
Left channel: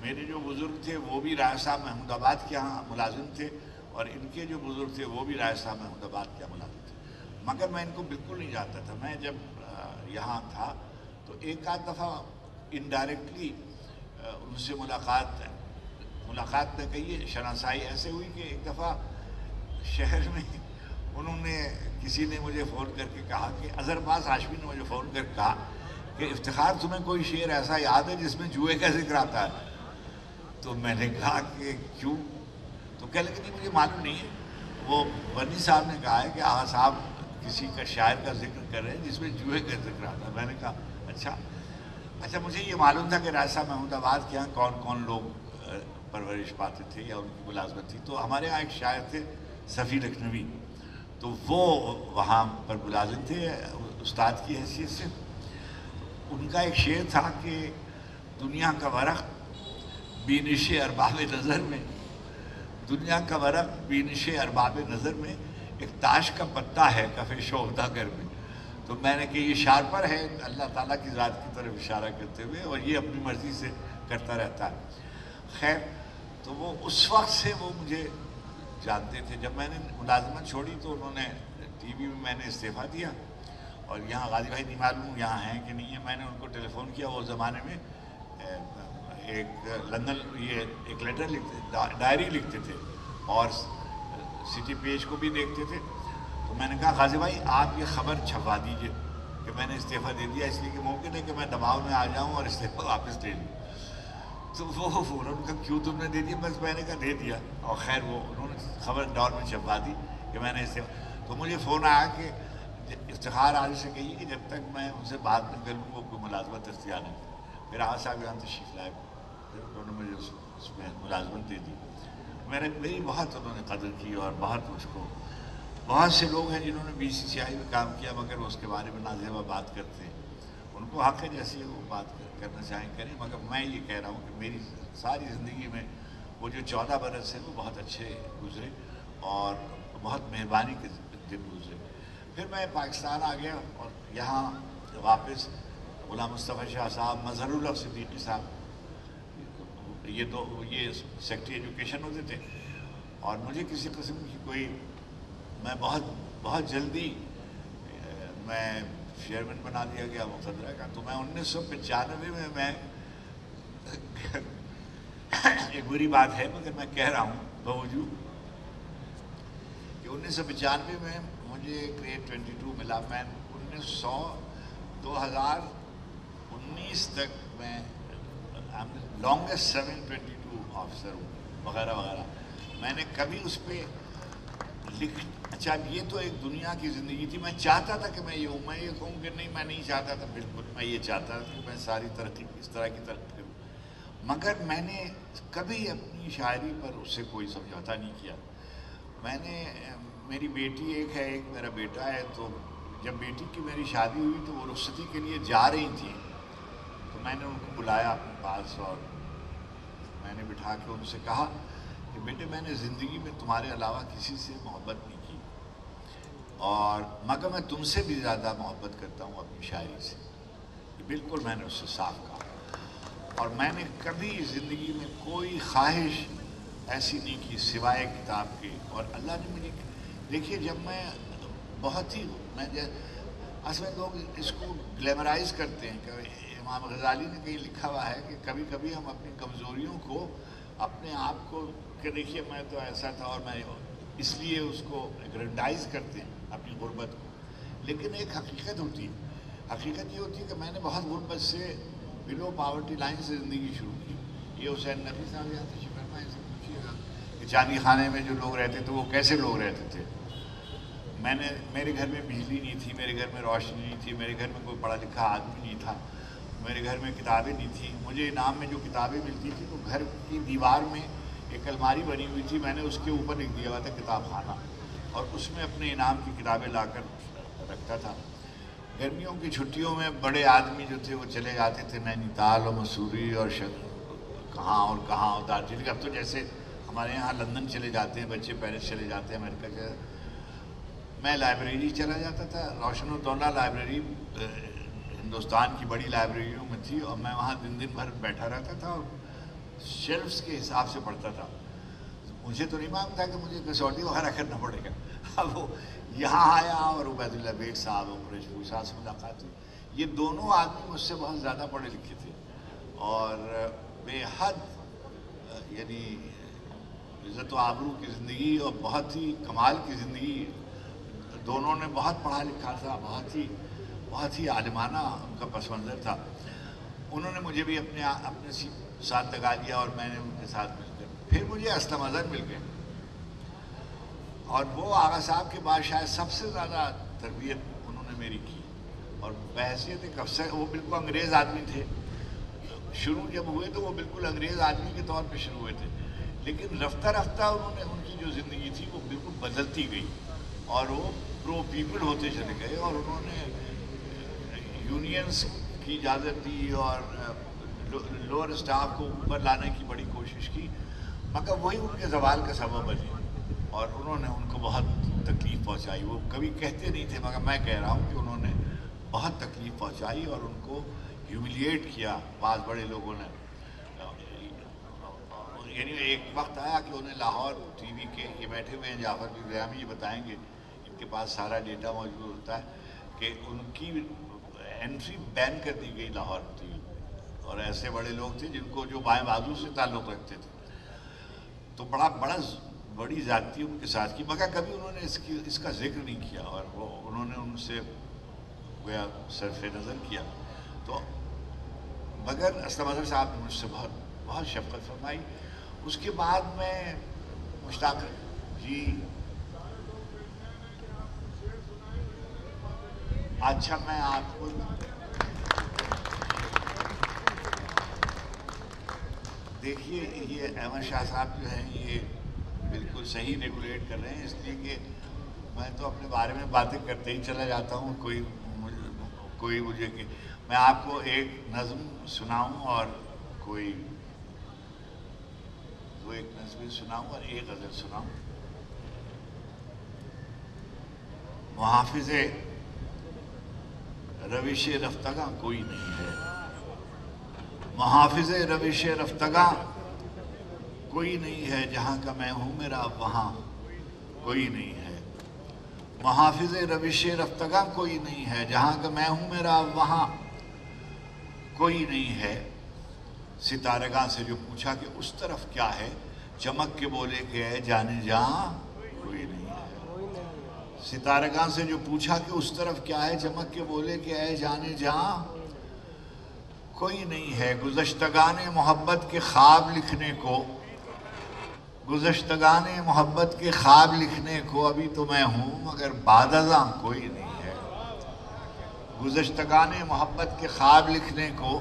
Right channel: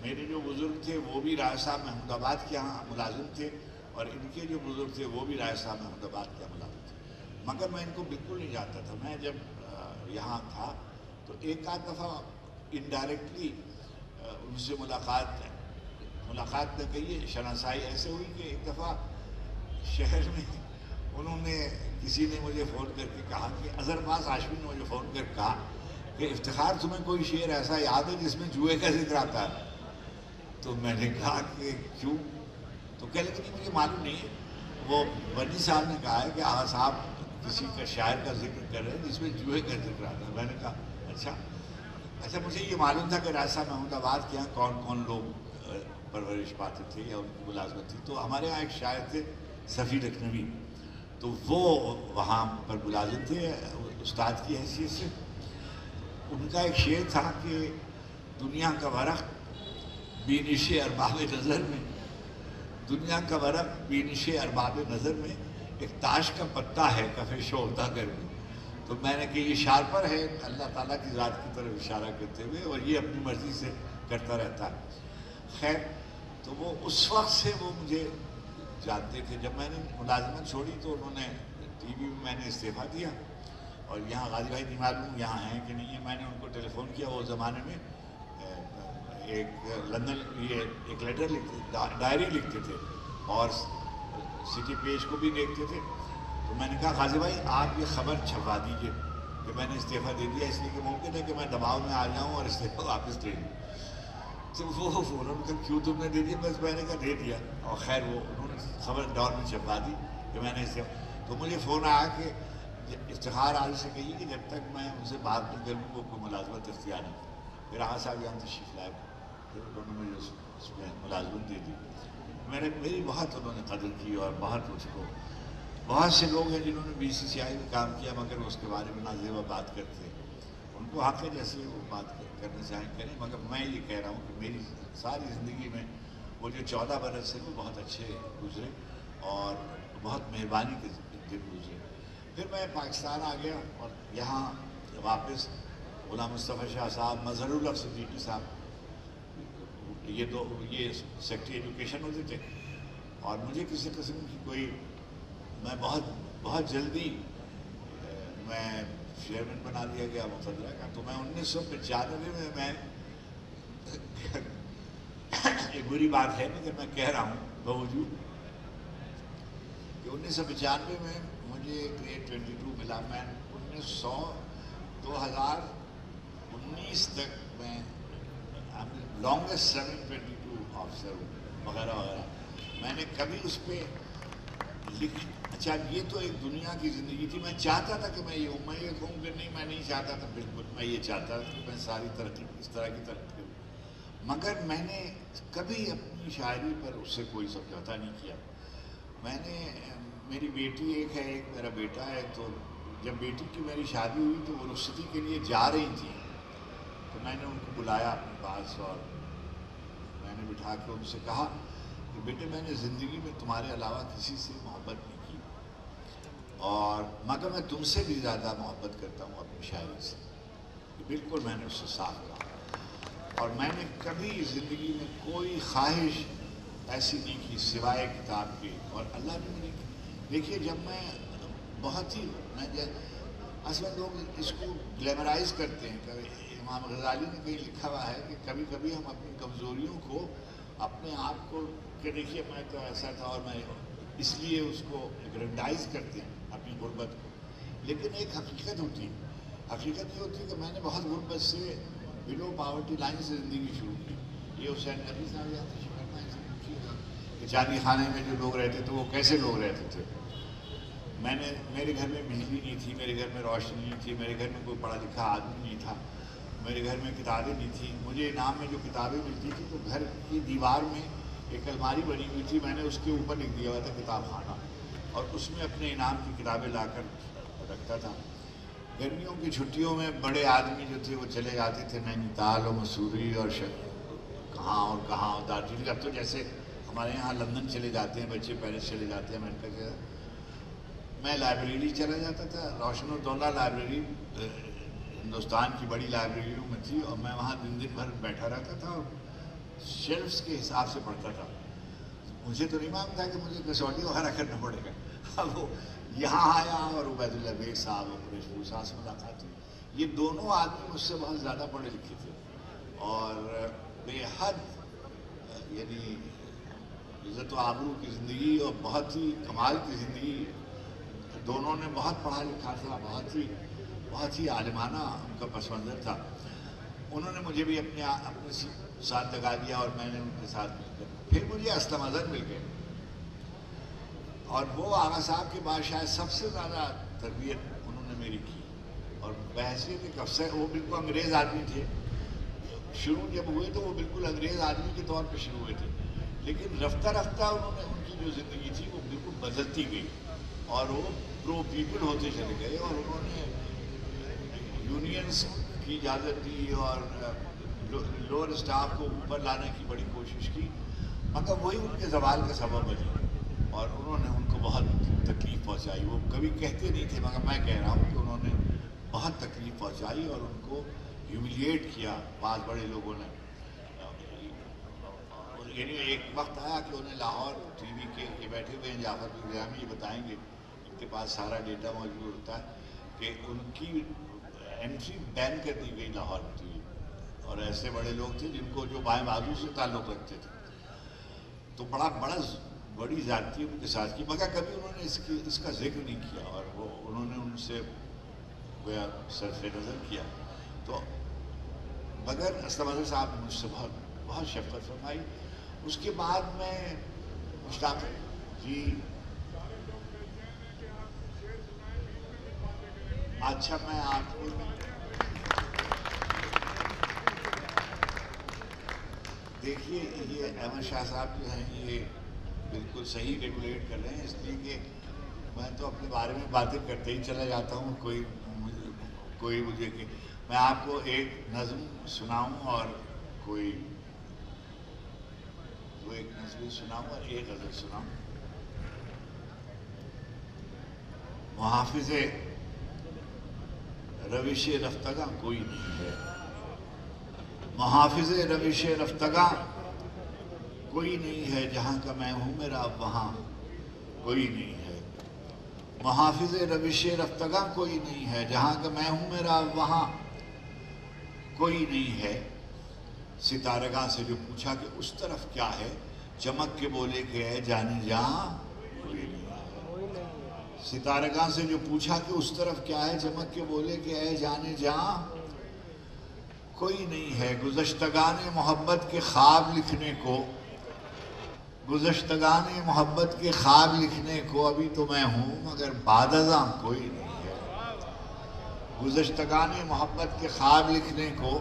میرے جو بزرگ تھے وہ بھی راجہ صاحب محمود آباد کے یہاں ملازم تھے, اور ان کے جو بزرگ تھے وہ بھی راجہ صاحب محمود آباد کے یہاں ملازم تھے. مگر میں ان کو بالکل نہیں جانتا تھا. میں جب یہاں تھا تو ایک آدھ دفعہ انڈائریکٹلی ان سے ملاقات میں کہیے شناسائی ایسے ہوئی کہ ایک دفعہ شہر میں انہوں نے کسی نے مجھے فون کر کے کہا کہ اظہر عباس ہاشمی نے مجھے فون کر کے کہا کہ افتخار تمہیں کوئی شعر ایسا یاد ہے جس میں جوئے کا ذکر آتا ہے؟ تو میں نے کہا کہ کیوں؟ تو کہہ لگے نہیں مجھے معلوم نہیں ہے. وہ بنی صاحب نے کہا ہے کہ آغا صاحب کسی کا شاعر کا ذکر کر رہے ہیں جس میں جوئے کا ذکر آتا ہے. میں نے کہا اچھا مجھے یہ معلوم تھا کہ راجہ صاحب محمود آباد کے یہاں کون کون لوگ پرورش پاتے تھے یا ان کی ملازمت تھی. تو ہمارے یہاں ایک شاعر تھے صفی لکھنوی, تو وہ وہاں پر ملازم تھے استاد کی حیثیت سے. ان کا ایک شعر تھا کہ دنیا کا ورق بینش ارباب نظر میں, دنیا کا ورق بینش ارباب نظر میں, ایک تاش کا پتا ہے کف شوہدہ گر میں. تو میں نے کہ یہ شارپر ہے اللہ تعالیٰ کی ذات کی طرف اشارہ کرتے ہوئے, اور یہ اپنی مرضی سے کرتا رہتا ہے. خیر, تو وہ اس وقت سے وہ مجھے جانتے تھے. جب میں نے ملازمت چھوڑی تو انہوں نے ٹی وی میں نے استعفیٰ دیا, اور یہاں غازی بھائی نہیں معلوم یہاں ہیں کہ نہیں ہے. میں نے ان کو ٹیلی فون کیا. وہ زمانے میں ایک لندن یہ ایک لیٹر لکھتے, ڈائری لکھتے تھے اور سٹی پیج کو بھی دیکھتے تھے. تو میں نے کہا غازی بھائی آپ یہ خبر چھپوا دیجئے کہ میں نے استعفیٰ دے دیا, اس لیے کہ ممکن ہے کہ میں دباؤ میں آ جاؤں اور استعفیٰ واپس لے لوں. تو وہ فوراً کہا کیوں تم نے دے دیا؟ بس میں نے کہا دے دیا. اور خیر وہ انہوں نے خبر دور میں چھپوا دی کہ میں نے استعفیٰ. تو مجھے فون آیا کہ افتخار عالی سے کہیے کہ جب تک میں ان سے بات نہ کروں وہ کوئی ملازمت اختیار نہ کروں. پھر آغا صاحب یہاں تشریف لائے, پھر انہوں نے مجھے اس میں ملازمت دے دی. میری بہت انہوں نے قدر کی, اور بہت سے لوگ ہیں جنہوں نے BCCI میں کام کیا مگر اس کے بارے میں نازیبا بات کرتے ہیں. ان کو حق ہے جیسے وہ بات کرنا چاہیں کریں. مگر میں یہ کہہ رہا ہوں کہ میری ساری زندگی میں وہ جو 14 برس ہیں وہ بہت اچھے گزرے اور بہت مہربانی کے دن گزرے. پھر میں پاکستان آ گیا اور یہاں واپس غلام مصطفیٰ شاہ صاحب, مظہر الحق صدیقی صاحب, یہ سیکٹری ایجوکیشن ہوتے تھے. اور مجھے کسی قسم کی کوئی, میں بہت جلدی میں چیئرمین بنا دیا گیا مقتدرہ کا. تو میں 1995 میں ایک بری بات ہے مگر میں کہہ رہا ہوں باوجود کہ 1995 میں مجھے گریڈ 22 ملا. میں 2019 تک میں لانگسٹ 722 آفیسر ہوں وغیرہ وغیرہ. میں نے کبھی اس پہ اچھا یہ تو ایک دنیا کی زندگی تھی. میں چاہتا تھا کہ میں یہ ہوں. میں یہ کہوں کہ نہیں میں نہیں چاہتا تھا, بالکل میں یہ چاہتا تھا کہ میں ساری ترقی اس طرح کی ترقی کروں. مگر میں نے کبھی اپنی شاعری پر اس سے کوئی سمجھوتا نہیں کیا. میں نے, میری بیٹی ایک ہے, ایک میرا بیٹا ہے, تو جب بیٹی کی میری شادی ہوئی تو وہ رخصتی کے لیے جا رہی تھی، تو میں نے ان کو بلایا اپنے پاس اور میں نے بٹھا کے ان سے کہا کہ بیٹے میں نے زندگی میں تمہارے علاوہ کسی سے محبت نہیں کی، اور مگر میں تم سے بھی زیادہ محبت کرتا ہوں اپنی شاعری سے. بالکل میں نے اس سے صاف کہا، اور میں نے کبھی زندگی میں کوئی خواہش ایسی نہیں کی سوائے کتاب کی. اور اللہ نے مجھے دیکھیے، جب میں بہت ہی اصل میں لوگ اس کو گلیمرائز کرتے ہیں. کہ امام غزالی نے کہیں لکھا ہوا ہے کہ کبھی کبھی ہم اپنی کمزوریوں کو اپنے آپ کو کہ دیکھیے میں تو ایسا تھا اور میں اس لیے اس کو گرینڈائز کرتے ہیں اپنی غربت کو. لیکن ایک حقیقت ہوتی ہے، حقیقت یہ ہوتی ہے کہ میں نے بہت غربت سے بلو پاورٹی لائن سے زندگی شروع کی. یہ حسین نبی صاحب یہاں تشریف فرما ہے، پوچھیے گا کہ چاندی خانے میں جو لوگ رہتے تھے وہ کیسے لوگ رہتے تھے. میرے گھر میں بجلی نہیں تھی، میرے گھر میں روشنی نہیں تھی، میرے گھر میں کوئی پڑھا لکھا آدمی نہیں تھا، میرے گھر میں کتابیں نہیں تھیں. مجھے انعام میں جو کتابیں ملتی تھیں تو گھر کی دیوار میں ایک الماری بنی ہوئی تھی، میں نے اس کے اوپر لکھ دیا ہوا تھا کتاب خانہ، اور اس میں اپنے انعام کی کتابیں لا کر رکھتا تھا. گرمیوں کی چھٹیوں میں بڑے آدمی جو تھے وہ چلے جاتے تھے نینی تال اور مسوری اور کہاں اور دارجلنگ. اب تو جیسے ہمارے یہاں لندن چلے جاتے ہیں بچے، پیرس چلے جاتے ہیں، امریکہ کے. میں لائبریری چلا جاتا تھا. روشن الدولہ لائبریری ہندوستان کی بڑی لائبریریوں میں تھی، اور میں وہاں دن بھر بیٹھا رہتا تھا اور شیلفز کے حساب سے پڑھتا تھا. مجھے تو نہیں معلوم تھا کہ مجھے کسوٹی وغیرہ کرنا پڑے گا. اب وہ یہاں آیا اور عبید اللہ بیگ صاحب اور قریش پور صاحب سے ملاقات ہوئی. یہ دونوں آدمی مجھ سے بہت زیادہ پڑھے لکھے تھے اور بے حد یعنی عزت و آبرو کی زندگی اور بہت ہی کمال کی زندگی. دونوں نے بہت پڑھا لکھا تھا، بہت ہی عالمانہ ان کا پس منظر تھا. انہوں نے مجھے بھی اپنے ساتھ لگا دیا اور میں نے ان کے ساتھ مل کر پھر مجھے اسلم اظہر مل گئے. اور وہ آغا صاحب کے بعد شاید سب سے زیادہ تربیت انہوں نے میری کی. اور بحیثیت ایک افسر، وہ بالکل انگریز آدمی تھے. شروع جب ہوئے تو وہ بالکل انگریز آدمی کے طور پہ شروع ہوئے تھے، لیکن رفتہ رفتہ انہوں نے ان کی جو زندگی تھی وہ بالکل بدلتی گئی اور وہ پرو پیپل ہوتے چلے گئے. اور انہوں نے یونینز کی اجازت دی اور لوور اسٹاف کو اوپر لانے کی بڑی کوشش کی، مگر وہی ان کے زوال کا سبب بنی اور انہوں نے ان کو بہت تکلیف پہنچائی. وہ کبھی کہتے نہیں تھے مگر میں کہہ رہا ہوں کہ انہوں نے بہت تکلیف پہنچائی اور ان کو ہیوملیٹ کیا بعض بڑے لوگوں نے. یعنی ایک وقت آیا کہ انہیں لاہور ٹی وی کے یہ بیٹھے ہوئے ہیں جعفر بن ریامی، یہ بتائیں گے، ان کے پاس سارا ڈیٹا موجود ہوتا ہے کہ ان کی انٹری بین کر دی گئی لاہور ٹی وی. اور ایسے بڑے لوگ تھے جن کو جو بائیں بازو سے تعلق رکھتے تھے، تو بڑی زیادتی ان کے ساتھ کی، مگر کبھی انہوں نے اس کا ذکر نہیں کیا اور وہ انہوں نے ان سے گویا صرف نظر کیا. تو مگر اسلم اظہر صاحب نے مجھ سے بہت شفقت فرمائی. اس کے بعد میں مشتاق جی اچھا میں آپ کو دیکھیے، یہ احمد شاہ صاحب جو ہیں یہ بالکل صحیح ریگولیٹ کر رہے ہیں، اس لیے کہ میں تو اپنے بارے میں باتیں کرتے ہی چلا جاتا ہوں. کوئی مجھے کہ میں آپ کو ایک نظم سناؤں اور کوئی ایک نظم سناؤں اور ایک غزل سناؤں. محافظ روش رفتگاں کوئی نہیں ہے، محافظ روش رفتگاں کوئی نہیں ہے، جہاں کا میں ہوں میرا اب وہاں کوئی نہیں ہے. محافظ روش رفتگاں کوئی نہیں ہے، جہاں کا میں ہوں میرا اب وہاں کوئی نہیں ہے. ستارگاں سے جو پوچھا کہ اس طرف کیا ہے، چمک کے بولے کہ اے جانے جہاں کوئی نہیں ہے. ستارگاں سے جو پوچھا کہ اس طرف کیا ہے، چمک کے بولے کہ اے جانے جہاں کوئی نہیں ہے. گزشتگان محبت کے خواب لکھنے کو، گزشتگان محبت کے خواب لکھنے کو ابھی تو میں ہوں مگر بعد ازاں کوئی نہیں ہے. گزشتگان محبت کے خواب لکھنے کو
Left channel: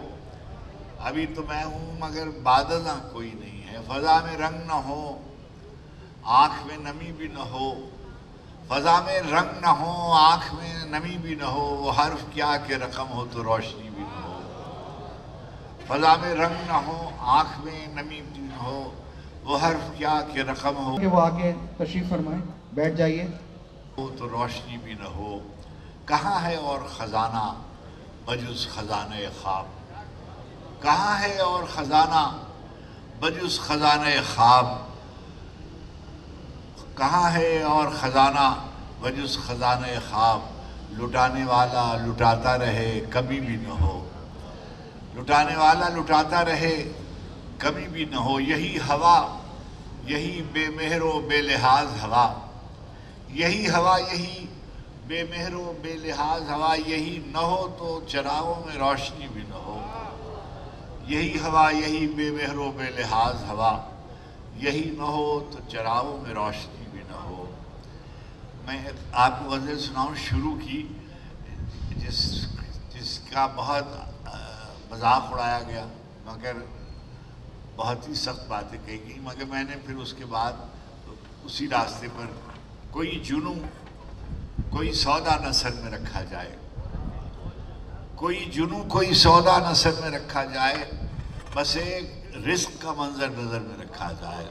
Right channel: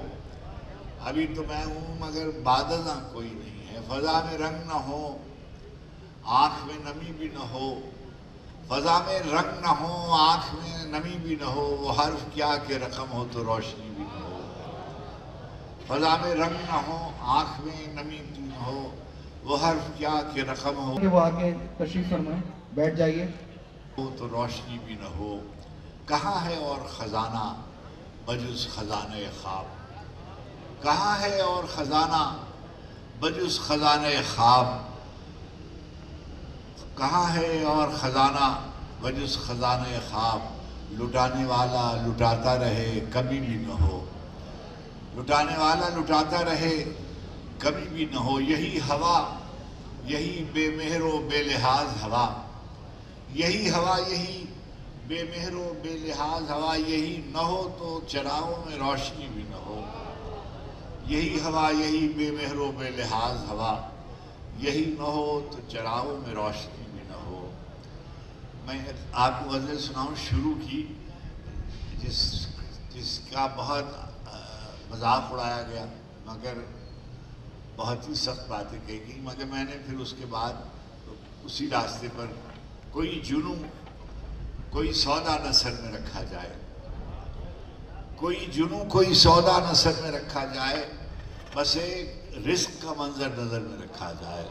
ابھی تو میں ہوں مگر بعد ازاں کوئی نہیں ہے. فضا میں رنگ نہ ہو، آنکھ میں نمی بھی نہ ہو، فضا میں رنگ نہ ہو آنکھ میں نمی بھی نہ ہو وہ حرف کیا کہ رقم ہو تو روشنی بھی نہ ہو فضا میں رنگ نہ ہو آنکھ میں نمی بھی نہ ہو وہ حرف کیا کہ رقم ہو کہ وہ آگے تشریف فرمائیں بیٹھ جائیے تو روشنی بھی نہ ہو کہاں ہے اور خزانہ بجز خزانہ خواب کہاں ہے اور خزانہ بجز خزانہ خواب کہاں ہے اور خزانہ بجز خزانہ خواب لٹانے والا لٹاتا رہے کبھی بھی نہ ہو لٹانے والا لٹاتا رہے کبھی بھی نہ ہو یہی ہوا یہی بے مہر و بے لحاظ ہوا یہی ہوا یہی بے مہر و بے لحاظ ہوا یہی نہ ہو تو چراغوں میں روشنی بھی نہ ہو یہی ہوا یہی بے مہر و بے لحاظ ہوا یہی نہ ہو تو چراغوں میں روشنی بھی نہ ہو میں آپ کو غزل سناؤں شروع کی جس کا بہت مذاق اڑایا گیا مگر بہت ہی سخت باتیں کہی گئی مگر میں نے پھر اس کے بعد اسی راستے پر کوئی جنوں کوئی سودا نہ سر میں رکھا جائے کوئی جنوں کوئی سودا نہ سر میں رکھا جائے بس ایک رزق کا منظر نظر میں رکھا جائے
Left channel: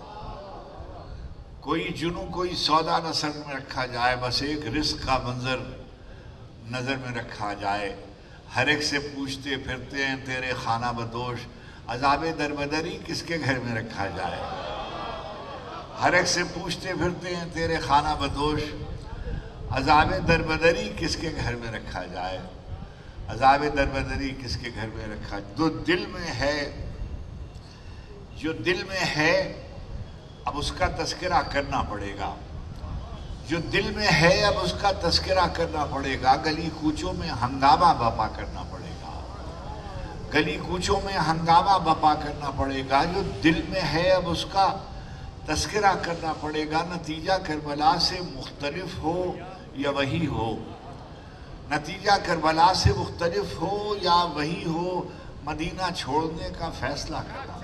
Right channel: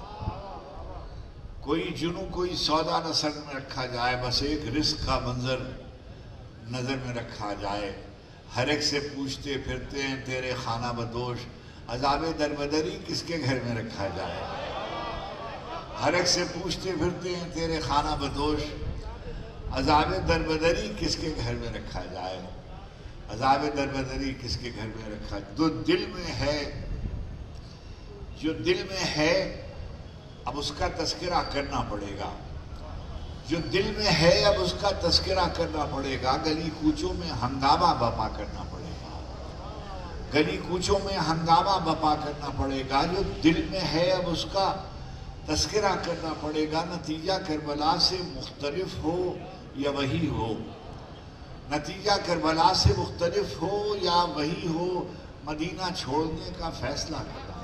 کوئی جنوں کوئی سودا نہ سر میں رکھا جائے بس ایک رزق کا منظر نظر میں رکھا جائے ہر ایک سے پوچھتے پھرتے ہیں تیرے خانہ بدوش عذاب دربدری کس کے گھر میں رکھا جائے ہر ایک سے پوچھتے پھرتے ہیں تیرے خانہ بدوش عذاب دربدری کس کے گھر میں رکھا جائے عذاب دربدری کس کے گھر میں رکھا جو دل میں ہے اب اس کا تذکرہ کرنا پڑے گا جو دل میں ہے اب اس کا تذکرہ کرنا پڑے گا گلی کوچوں میں ہنگامہ بپا کرنا پڑے گا گلی کوچوں میں ہنگامہ بپا کرنا پڑے گا جو دل میں ہے اب اس کا تذکرہ کرنا پڑے گا نتیجہ کربلا سے مختلف ہو یا وہی ہو نتیجہ کربلا سے مختلف ہو یا وہی ہو مدینہ چھوڑنے کا فیصلہ کرنا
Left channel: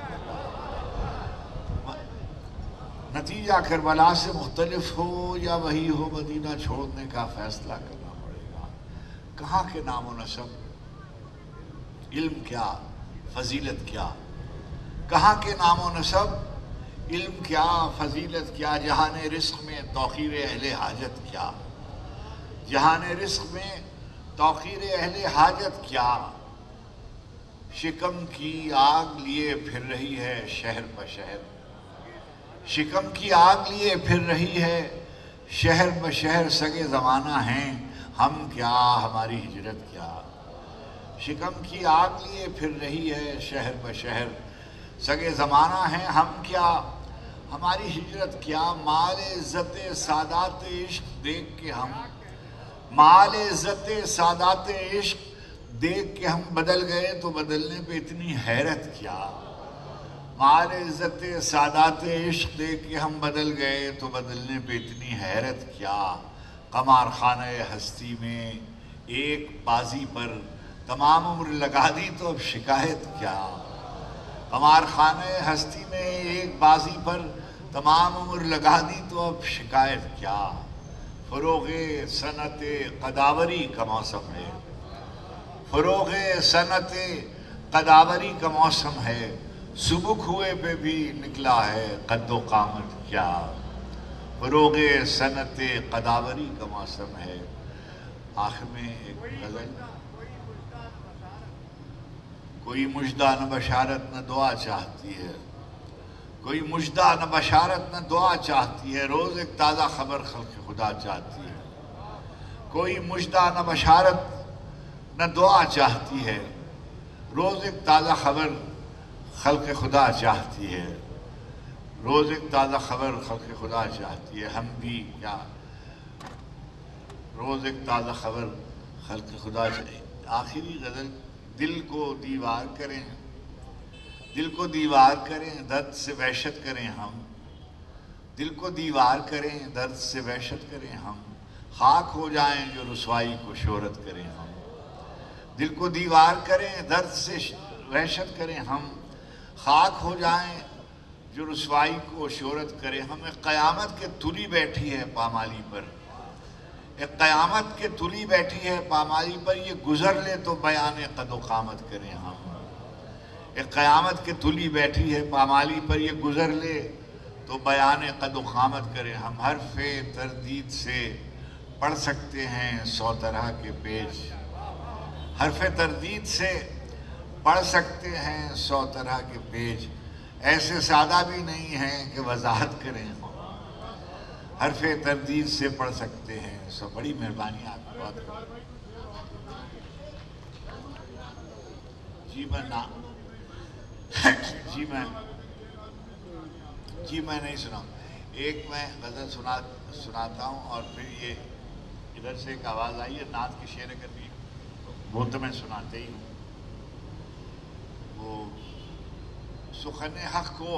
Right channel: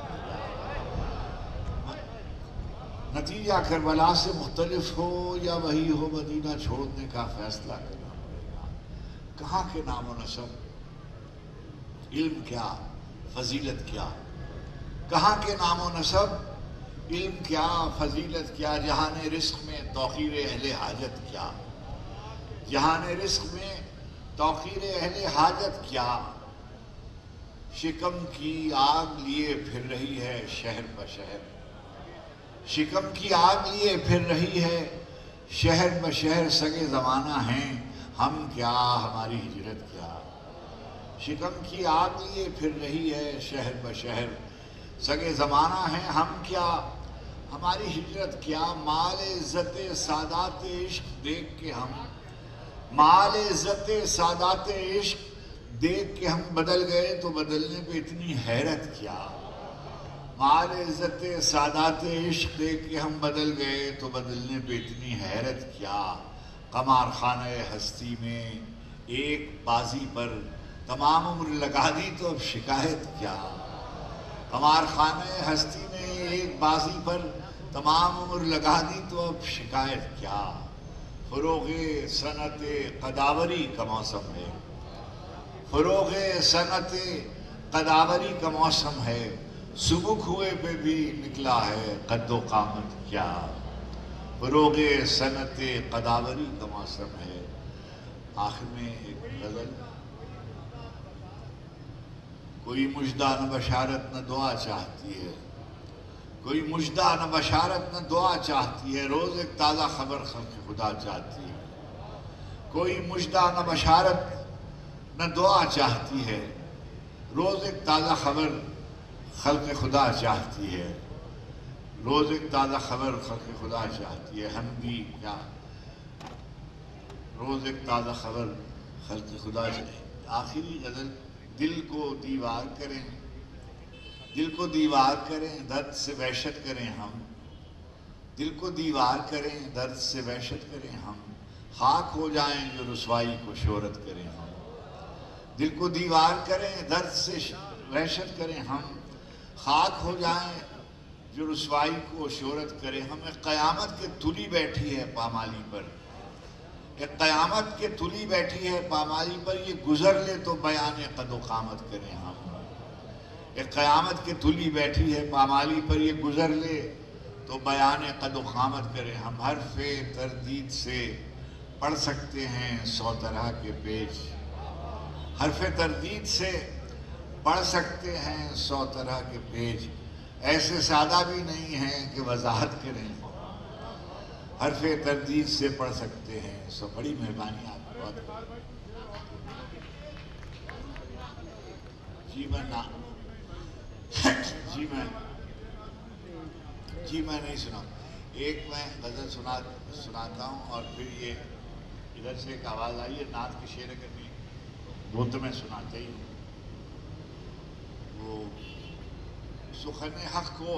نتیجہ کربلا سے مختلف ہو یا وہی ہو مدینہ چھوڑنے کا فیصلہ کرنا پڑے گا کہاں کے نام و نسب علم کیا فضیلت کیا کہاں کے نام و نسب علم کیا فضیلت کیا جہان رزق میں توقیر اہل حاجت کیا جہان رزق میں توقیر اہل حاجت کیا شکم کی آگ لیے پھر رہی ہے شہر بشہر شکم کی آگ لیے پھر رہی ہے شہر بشہر سگے زمانہ ہیں ہم کیا ہماری ہجرت کیا شکم کی آگ لیے پھر رہی ہے شہر بشہر سگے زمانہ ہیں ہم کیا ہماری ہجرت کیا مال عزت سادات عشق دیکھ کے ہم مال عزت سادات عشق دیکھ کے ہم بدل گئے تو بدلنے پہ اتنی حیرت کیا مال عزت سادات عشق دیکھ کے ہم بدل گئے تو بدلنے پہ اتنی حیرت کیا قمار خانہ ہستی میں ایک بازی پر تمام عمر لگا دی تو اب شکایت کیا قمار خانہ ہستی میں ایک بازی پر تمام عمر لگا دی تو اب شکایت کیا فروغ صنعت قداوری کا موسم ہے فروغ صنعت قداوری کا موسم ہے سبک ہوئے پہ بھی نکلا ہے قد و قامت کیا فروغ صنعت قداوری کا موسم ہے آخر میں ایک غزل کوئی مجدہ نہ بشارت نہ دعا چاہتی ہے کوئی مجدہ نہ بشارت نہ دعا چاہتی ہے روز ایک تازہ خبر خلق خدا چاہتی ہے کوئی مجدہ نہ بشارت نہ دعا چاہتی ہے روز ایک تازہ خبر خلق خدا چاہتی ہے روز ایک تازہ خبر خلق خدا چاہتی ہے ہم بھی کیا روز ایک تازہ خبر خلق خدا چاہیے آخری غزل دل کو دیوار کریں دل کو دیوار کریں درد سے وحشت کریں ہم دل کو دیوار کریں درد سے وحشت کریں ہم خاک ہو جائیں جو رسوائی کو شہرت کریں ہم دل کو دیوار کریں درد سے وحشت کریں ہم خاک ہو جائیں جو رسوائی کو شہرت کریں ہمیں قیامت کے تلی بیٹھی ہے پامالی پر ایک قیامت کے تلی بیٹھی ہے پامالی پر، یہ گزر لے تو بیان قد و قامت کریں ہم۔ ایک قیامت کے تلی بیٹھی ہے پامالی پر، یہ گزر لے تو بیان قد و قامت کریں ہم۔ حرف تردید سے پڑھ سکتے ہیں 100 طرح کے پیج، حرف تردید سے پڑھ سکتے ہیں 100 طرح کے پیج، ایسے سادہ بھی نہیں ہیں کہ وضاحت کریں، حرف تردید سے پڑھ سکتے ہیں۔ سو بڑی مہربانی آپ کو۔ جی میں نہیں سنا، ایک میں غزل سناتا ہوں اور پھر یہ ادھر سے ایک آواز آئی ہے نعت کی شعر کرنی، وہ تو میں سناتے ہی ہوں۔ وہ سخن حق کو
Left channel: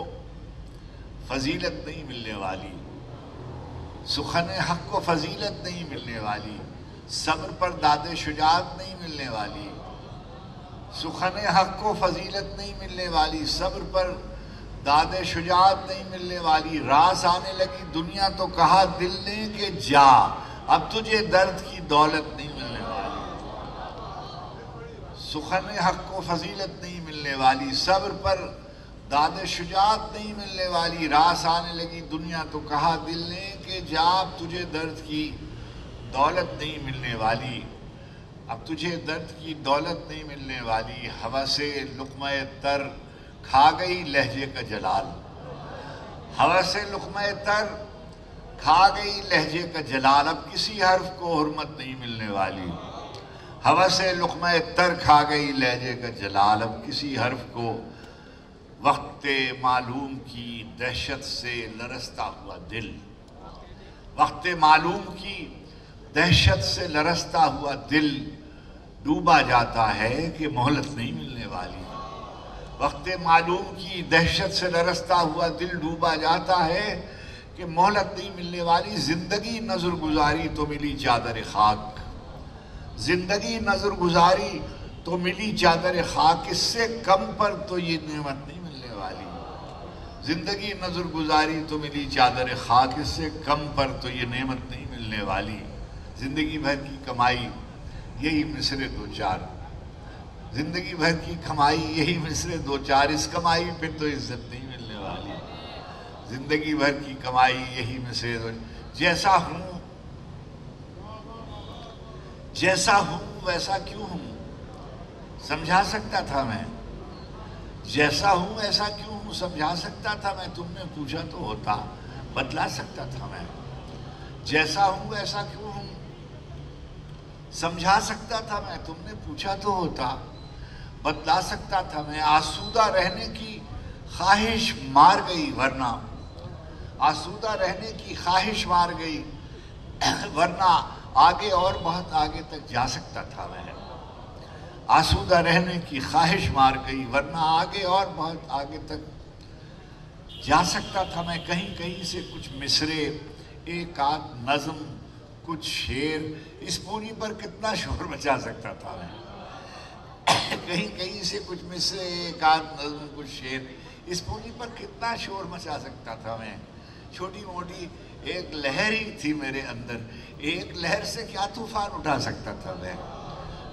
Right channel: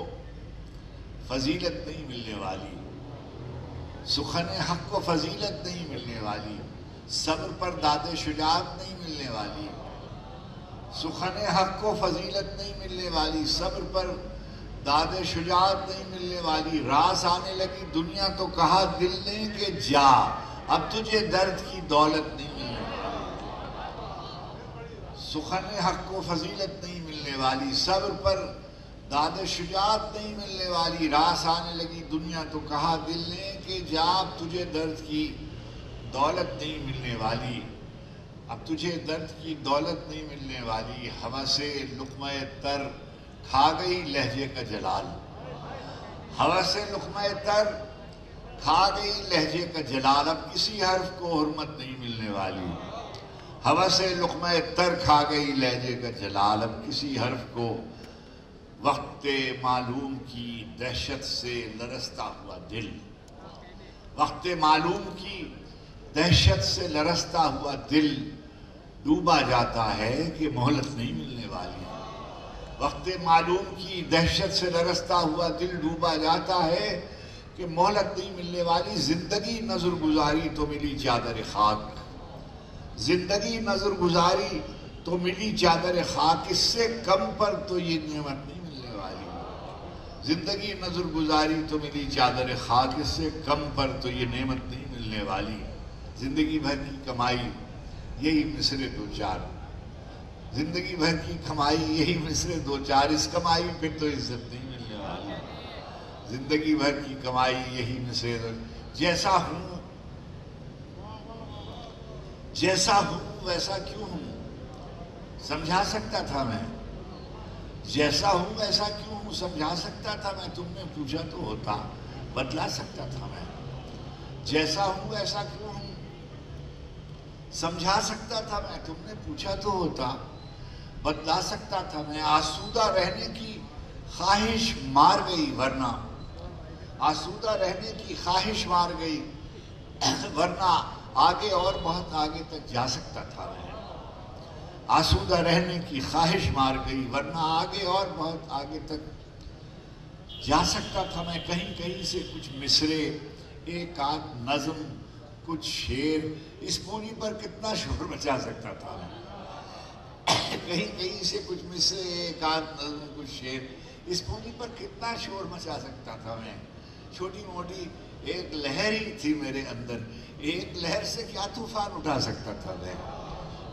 فضیلت نہیں ملنے والی، سخن حق کو فضیلت نہیں ملنے والی، صبر پر داد شجاعت نہیں ملنے والی، سخن حق کو فضیلت نہیں ملنے والی، صبر پر داد شجاعت نہیں ملنے والی، راس آنے لگی دنیا تو کہا دل نے کہ جا، اب تجھے درد کی دولت نہیں ملنے والی، سخن حق کو فضیلت نہیں ملنے والی، صبر پر داد شجاعت نہیں ملنے والی، راس آنے لگی دنیا تو کہا دل نے کہ جا، اب تجھے درد کی دولت نہیں ملنے والی، اب تجھے درد کی دولت نہیں ملنے والی، ہوس لقمہ تر کھا گئی لہجے کا جلال، ہوس لقمہ تر کھا گئی لہجے کا جلال، اب کسی حرف کو حرمت نہیں ملنے والی، ہوس لقمہ تر کھا گئی لہجے کا جلال، اب کسی حرف کو وقت معلوم کی دہشت سے لرزتا ہوا دل، وقت معلوم کی دہشت سے لرزتا ہوا دل ڈوبا جاتا ہے کہ مہلت نہیں ملنے والی، وقت معلوم کی دہشت سے لرزتا ہوا دل ڈوبا جاتا ہے کہ مہلت نہیں ملنے والی، زندگی نظر گزاری تو ملی چادر خاک، زندگی نظر گزاری تو ملی چادر خاک، اس سے کم پر تو یہ نعمت نہیں ملنے والی، زندگی نظر گزاری تو ملی چادر خاک، اس سے کم پر تو یہ نعمت نہیں ملنے والی، زندگی بھر کی کمائی یہی مصرے دو چار، زندگی بھر کی کمائی یہی مصرے دو چار، اس کمائی پہ تو عزت نہیں ملنے والی، زندگی بھر کی کمائی یہی مصرے دو، جیسا ہوں ویسا کیوں ہوں، سمجھا سکتا تھا میں، جیسا ہوں ایسا کیوں ہوں، سمجھا سکتا تھا میں، تم نے پوچھا تو ہوتا، بتلا سکتا تھا میں، جیسا ہوں ایسا کیوں ہوں، سمجھا سکتا تھا میں، تم نے پوچھا تو ہوتا، بتلا سکتا تھا میں، آسودہ رہنے کی خواہش مار گئی ورنہ، آسودہ رہنے کی خواہش مار گئی ورنہ آگے اور بہت آگے تک جا سکتا تھا میں، آسودہ رہنے کی خواہش مار گئی ورنہ آگے اور بہت آگے تک جا سکتا تھا میں، کہیں کہیں سے کچھ مصرے، ایک آدھ نظم، کچھ شعر، اس پوری پر کتنا شور مچا سکتا تھا میں، کہیں کہیں سے کچھ مصرے، ایک آدھ نظم، کچھ شعر، اس پوری پر کتنا شور مچا سکتا تھا میں، چھوٹی موٹی ایک لہر ہی تھی میرے اندر، ایک لہر سے کیا طوفان اٹھا سکتا تھا میں،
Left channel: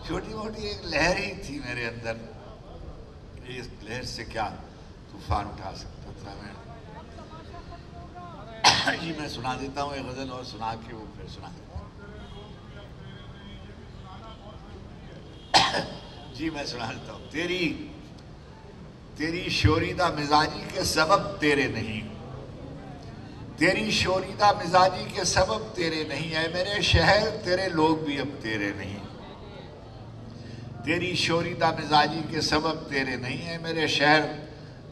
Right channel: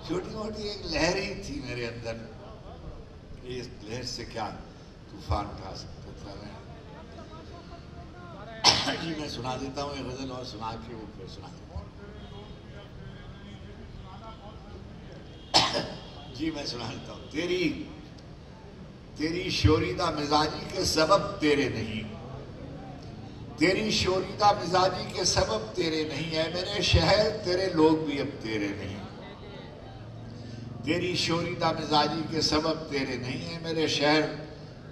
چھوٹی موٹی ایک لہر ہی تھی میرے اندر، اس لہر سے کیا طوفان اٹھا سکتا تھا میں۔ جی میں سنا دیتا ہوں ایک غزل اور سنا کے وہ پھر سنا دیتا ہوں۔ جی میں سنا دیتا ہوں۔ تیری شوریدہ مزاجی کے سبب تیرے نہیں، تیری شوریدہ مزاجی کے سبب تیرے نہیں، اے میرے شہر تیرے لوگ بھی اب تیرے نہیں، تیری شوریدہ مزاجی کے سبب تیرے نہیں، اے میرے شہر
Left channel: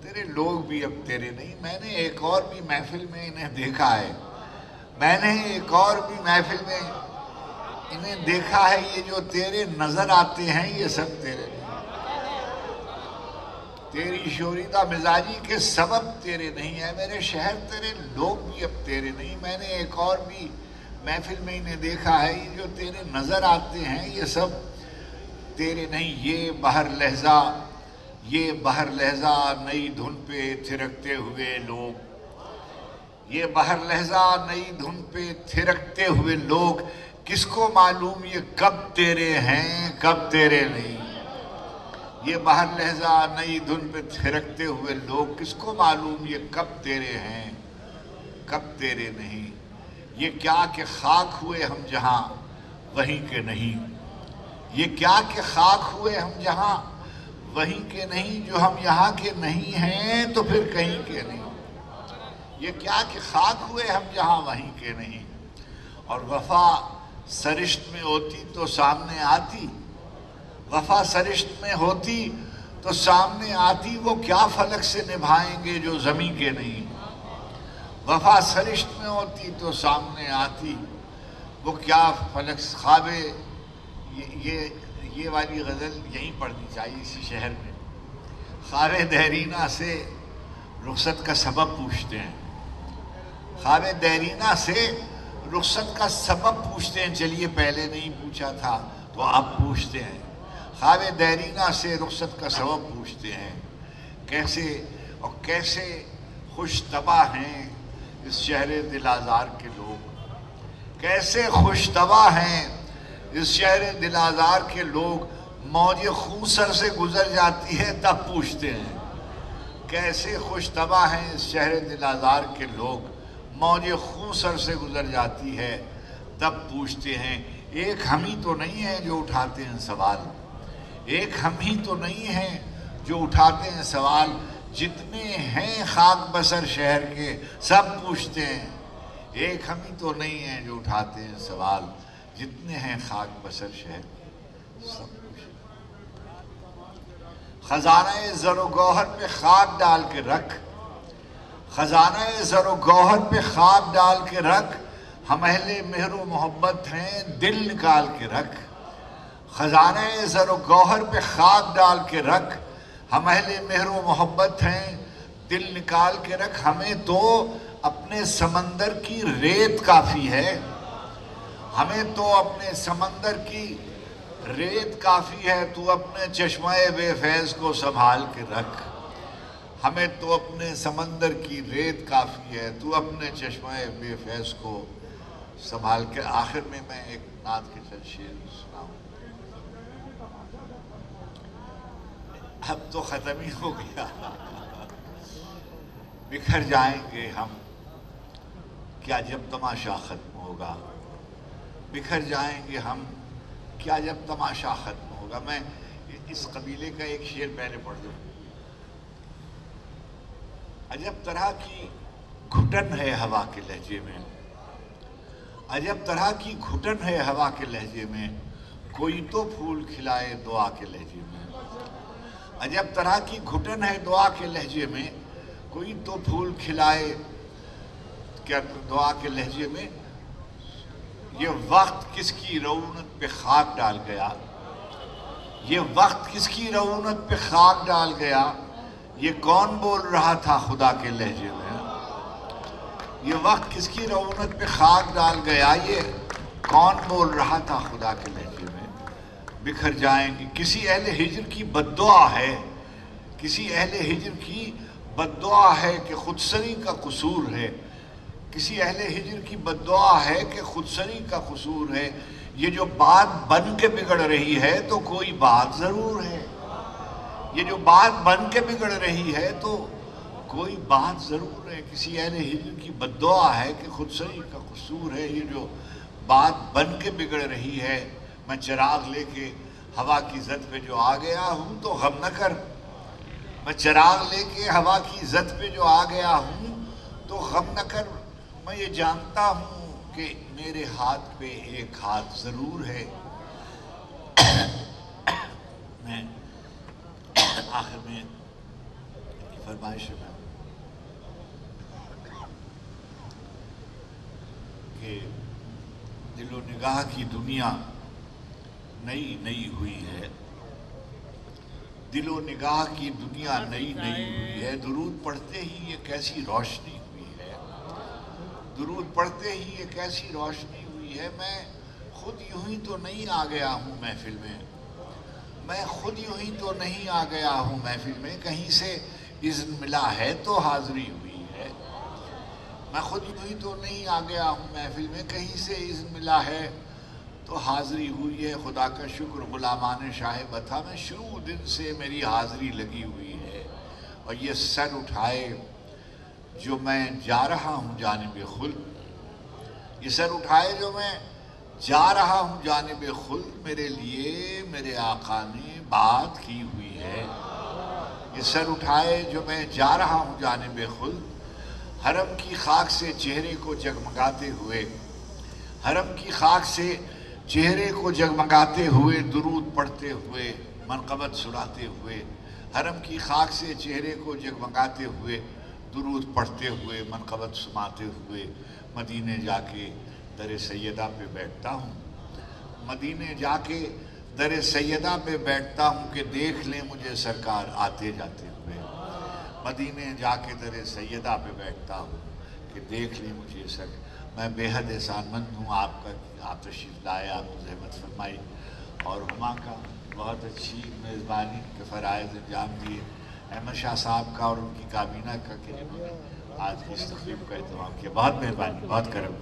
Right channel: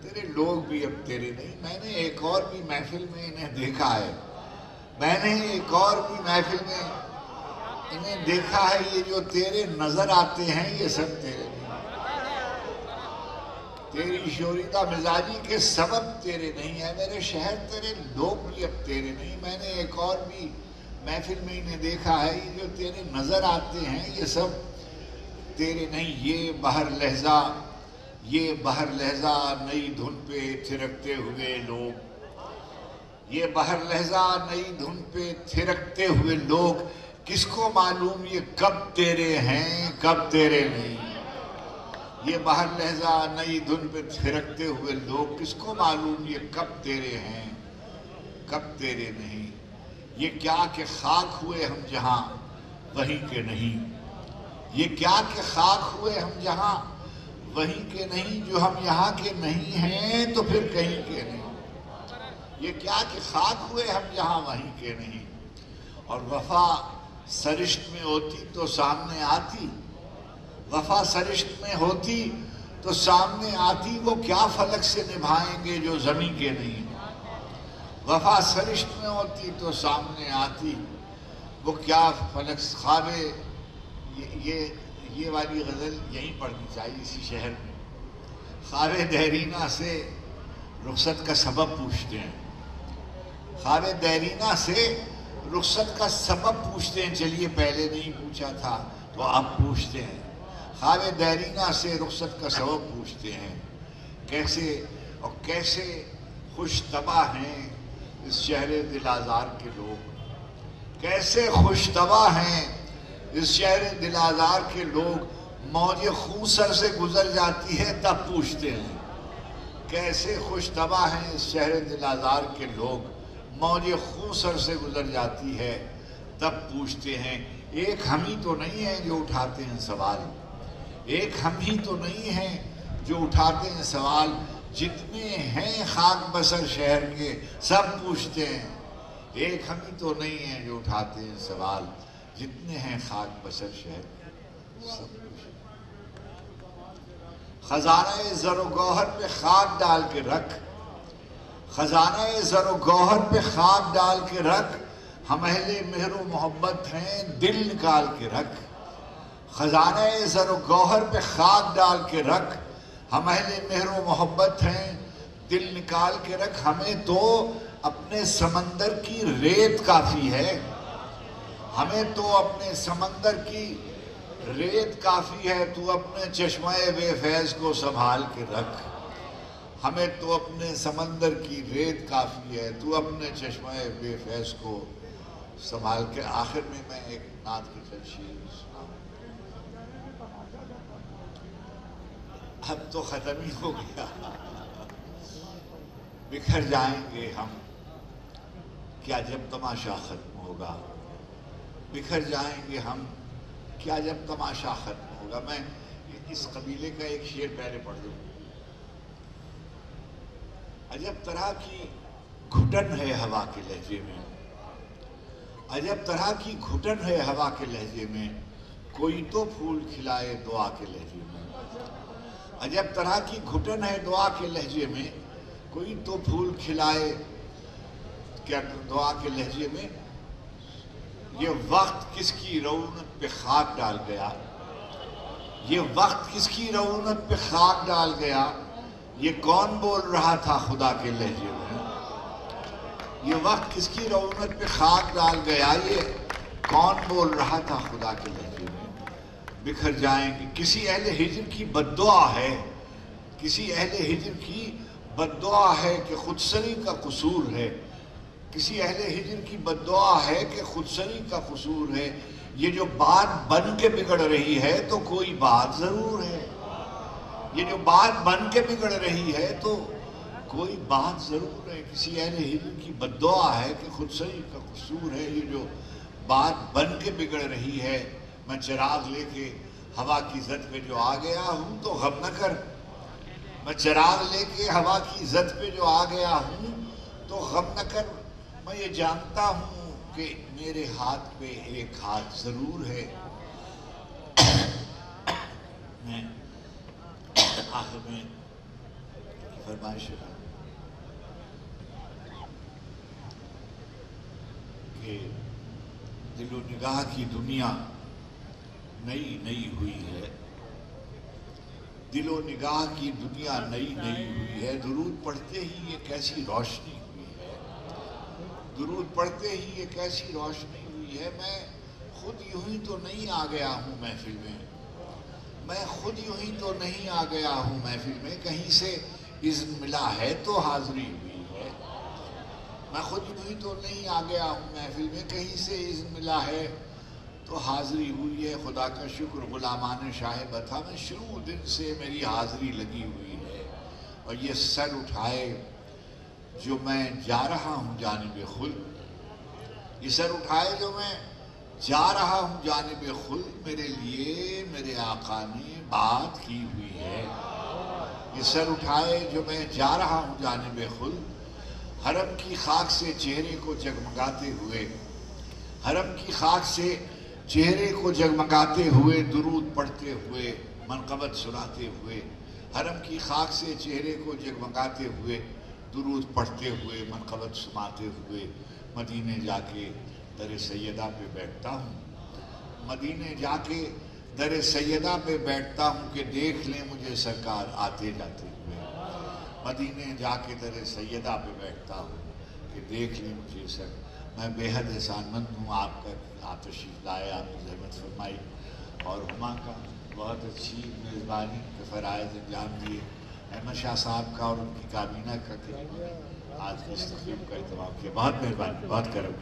تیرے لوگ بھی اب تیرے نہیں۔ میں نے ایک اور بھی محفل میں انہیں دیکھا ہے، میں نے ایک اور بھی محفل میں انہیں دیکھا ہے، یہ جو تیرے نظر آتے ہیں یہ سب تیرے نہیں، تیری شوریدہ مزاجی کے سبب تیرے نہیں، ہے میرے شہر تیرے لوگ بھی اب تیرے نہیں۔ میں نے ایک اور بھی محفل میں انہیں دیکھا ہے، یہ جو تیرے نظر آتے ہیں یہ سب تیرے نہیں۔ یہ بہر لہجہ نئی دھن پہ تھرکتے ہوئے لوگ، یہ بہر لہجہ نئی دھن پہ تھرکتے ہوئے لوگ کس کو معلوم یہ کب تیرے ہیں کب تیرے نہیں. یہ باہر لہجہ نئی دھن پہ تھرکتے ہوئے لوگ کس کو معلوم یہ کب تیرے ہیں کب تیرے نہیں. یہ کیا کہ خاک ہوئے ہم جہاں وہیں کے نہیں. یہ کیا کہ خاک ہوئے ہم جہاں وہیں کے نہیں. جو ہم یہاں کے نہیں ہیں تو پھر کہیں کے نہیں. یہ کیا کہ خاک ہوئے ہم جہاں وہیں کے نہیں. اور وفا سرشت میں ہوتی تو سامنے آتی. وفا سرشت میں ہوتی تو سامنے آتی. وہ کیا فلک سے نبھائیں گے جو زمین کے نہیں. وفا سرشت میں ہوتی تو سامنے آتی. وہ کیا فلک خوابے. یہ والی غزل یہیں پڑھنی چاہیے اسی شہر میں. خواب دیرینہ سے رخصت کا سبب پوچھتے ہیں. خواب دیرینہ سے رخصت کا سبب پوچھتے ہیں. چلیے پہلے نہیں پوچھا تھا تو اب پوچھتے ہیں. خواب دیرینہ سے رخصت کا سبب پوچھتے ہیں. کیسے خوش طبع ہیں اس شہر دل آزار کے لوگ. کیسے خوش طبع ہیں اس شہر دل آزار کے لوگ. موج خون سر سے گزر جاتی ہے تب پوچھتے ہیں. کیسے خوش طبع ہیں اس شہر دل آزار کے لوگ. موج خون سر سے گزر جاتی ہے تب پوچھتے ہیں. ایک ہم ہی تو نہیں ہیں جو اٹھاتے ہیں سوال. ایک ہم ہی تو نہیں ہیں جو اٹھاتے ہیں سوال. جتنے ہیں خاک بسر شہر کے سب پوچھتے ہیں. ایک ہم ہی تو نہیں ہیں جو اٹھاتے ہیں سوال. جتنے ہیں خاک بسر شہر کے سب پوچھتے ہیں. خزانہ زر و گوہر پہ خاک ڈال کے رکھ. خزانہ زر و گوہر پہ خاک ڈال کے رکھ. ہم اہل مہر و محبت ہیں دل نکال کے رکھ. خزانہ زر و گوہر پہ خاک ڈال کے رکھ. ہم اہل مہر و محبت ہیں دل نکال کے رکھ. ہمیں تو اپنے سمندر کی ریت کافی ہے. ہمیں تو اپنے سمندر کی ریت کافی ہے. تو اپنے چشمہ بے فیض کو سنبھال کے رکھ. ہمیں تو اپنے سمندر کی ریت کافی ہے. تو اپنے چشمہ بے فیض کو سنبھال کے. آخر میں ایک نعت کے چند شعر سناؤں. اب تو ختم ہی ہو گیا. بکھر جائیں گے ہم کیا جب تماشا ختم ہوگا. بکھر جائیں گے ہم کیا جب تماشا ختم ہوگا. میں اس قبیلے کا ایک شعر پہلے پڑھ دوں. عجب طرح کی گھٹن ہے ہوا کے لہجے میں. عجب طرح کی گھٹن ہے ہوا کے لہجے میں. کوئی تو پھول کھلائے دعا کے لہجے میں. عجب طرح کی گھٹن ہے دعا کے لہجے میں. کوئی تو پھول کھلائے کیا دعا کے لہجے میں. یہ وقت کس کی رونق پہ خاک ڈال گیا. یہ وقت کس کی رونق پہ خاک ڈال گیا. یہ کون بول رہا تھا خدا کے لہجے میں. یہ وقت کس کی رونق پہ خاک ڈال گیا. یہ کون بول رہا تھا خدا کے لہجے میں. بکھر جائیں گے. کسی اہل ہجر کی بد دعا ہے. کسی اہل ہجر کی بد دعا ہے کہ خودسری کا قصور ہے. کسی اہل ہجر کی بد دعا ہے کہ خودسری کا قصور ہے. یہ جو بات بن کے بگڑ رہی ہے تو کوئی بات ضرور ہے. یہ جو بات بن کے بگڑ رہی ہے تو کوئی بات ضرور ہے. کسی اہل ہجر کی بد دعا ہے کہ خودسری کا قصور ہے. یہ جو بات بن کے بگڑ رہی ہے. میں چراغ لے کے ہوا کی زد پہ جو آ گیا ہوں تو غم نہ کر. میں چراغ لے کے ہوا کی زد پہ جو آ گیا ہوں تو غم نہ کر. میں یہ جانتا ہوں کہ میرے ہاتھ پہ ایک ہاتھ ضرور ہے. میں آخر میں فرمائش ہے کہ دل و نگاہ کی دنیا نئی نئی ہوئی ہے. دل و نگاہ کی دنیا نئی نئی ہوئی ہے. درود پڑھتے ہی یہ کیسی روشنی ہوئی ہے. درود پڑھتے ہی یہ کیسی روشنی ہوئی ہے. میں خود یوں ہی تو نہیں آ گیا ہوں محفل میں. میں خود یوں ہی تو نہیں آ گیا ہوں محفل میں. کہیں سے اذن ملا ہے تو حاضری ہوئی ہے. میں خود یوں ہی تو نہیں آ گیا ہوں محفل میں. کہیں سے اذن ملا ہے تو حاضری ہوئی ہے. خدا کا شکر غلامان شاہ بتا میں شروع دن سے میری حاضری لگی ہوئی ہے. اور یہ سر اٹھائے جو میں جا رہا ہوں جانب خلد، یہ سر اٹھائے جو میں جا رہا ہوں جانب خلد، میرے لیے میرے آقا نے بات کی ہوئی ہے. یہ سر اٹھائے جو میں جا رہا ہوں جانب خلد، حرم کی خاک سے چہرے کو جگمگاتے ہوئے، حرم کی خاک سے چہرے کو جگمگاتے ہوئے، درود پڑھتے ہوئے، منقبت سناتے ہوئے، حرم کی خاک سے چہرے کو جگمگاتے ہوئے، درود پڑھتے ہوئے، منقبت سناتے ہوئے مدینے جا کے در سیدہ پہ بیٹھتا ہوں. مدینے جا کے در سیدہ پہ بیٹھتا ہوں کہ دیکھ لیں مجھے سرکار آتے جاتے ہوئے. مدینے جا کے در سیدہ پہ بیٹھتا ہوں کہ دیکھ لیں مجھے سر. میں بے حد احسان مند ہوں آپ کا، آپ تشریف لائے، آپ نے زحمت فرمائی اور ہما کا بہت اچھی میزبانی کے فرائض انجام دیے. احمد شاہ صاحب کا اور ان کی کابینہ کا کہ آج کی اس تقریب کا اہتمام کیا. بہت مہربانی، بہت کرم.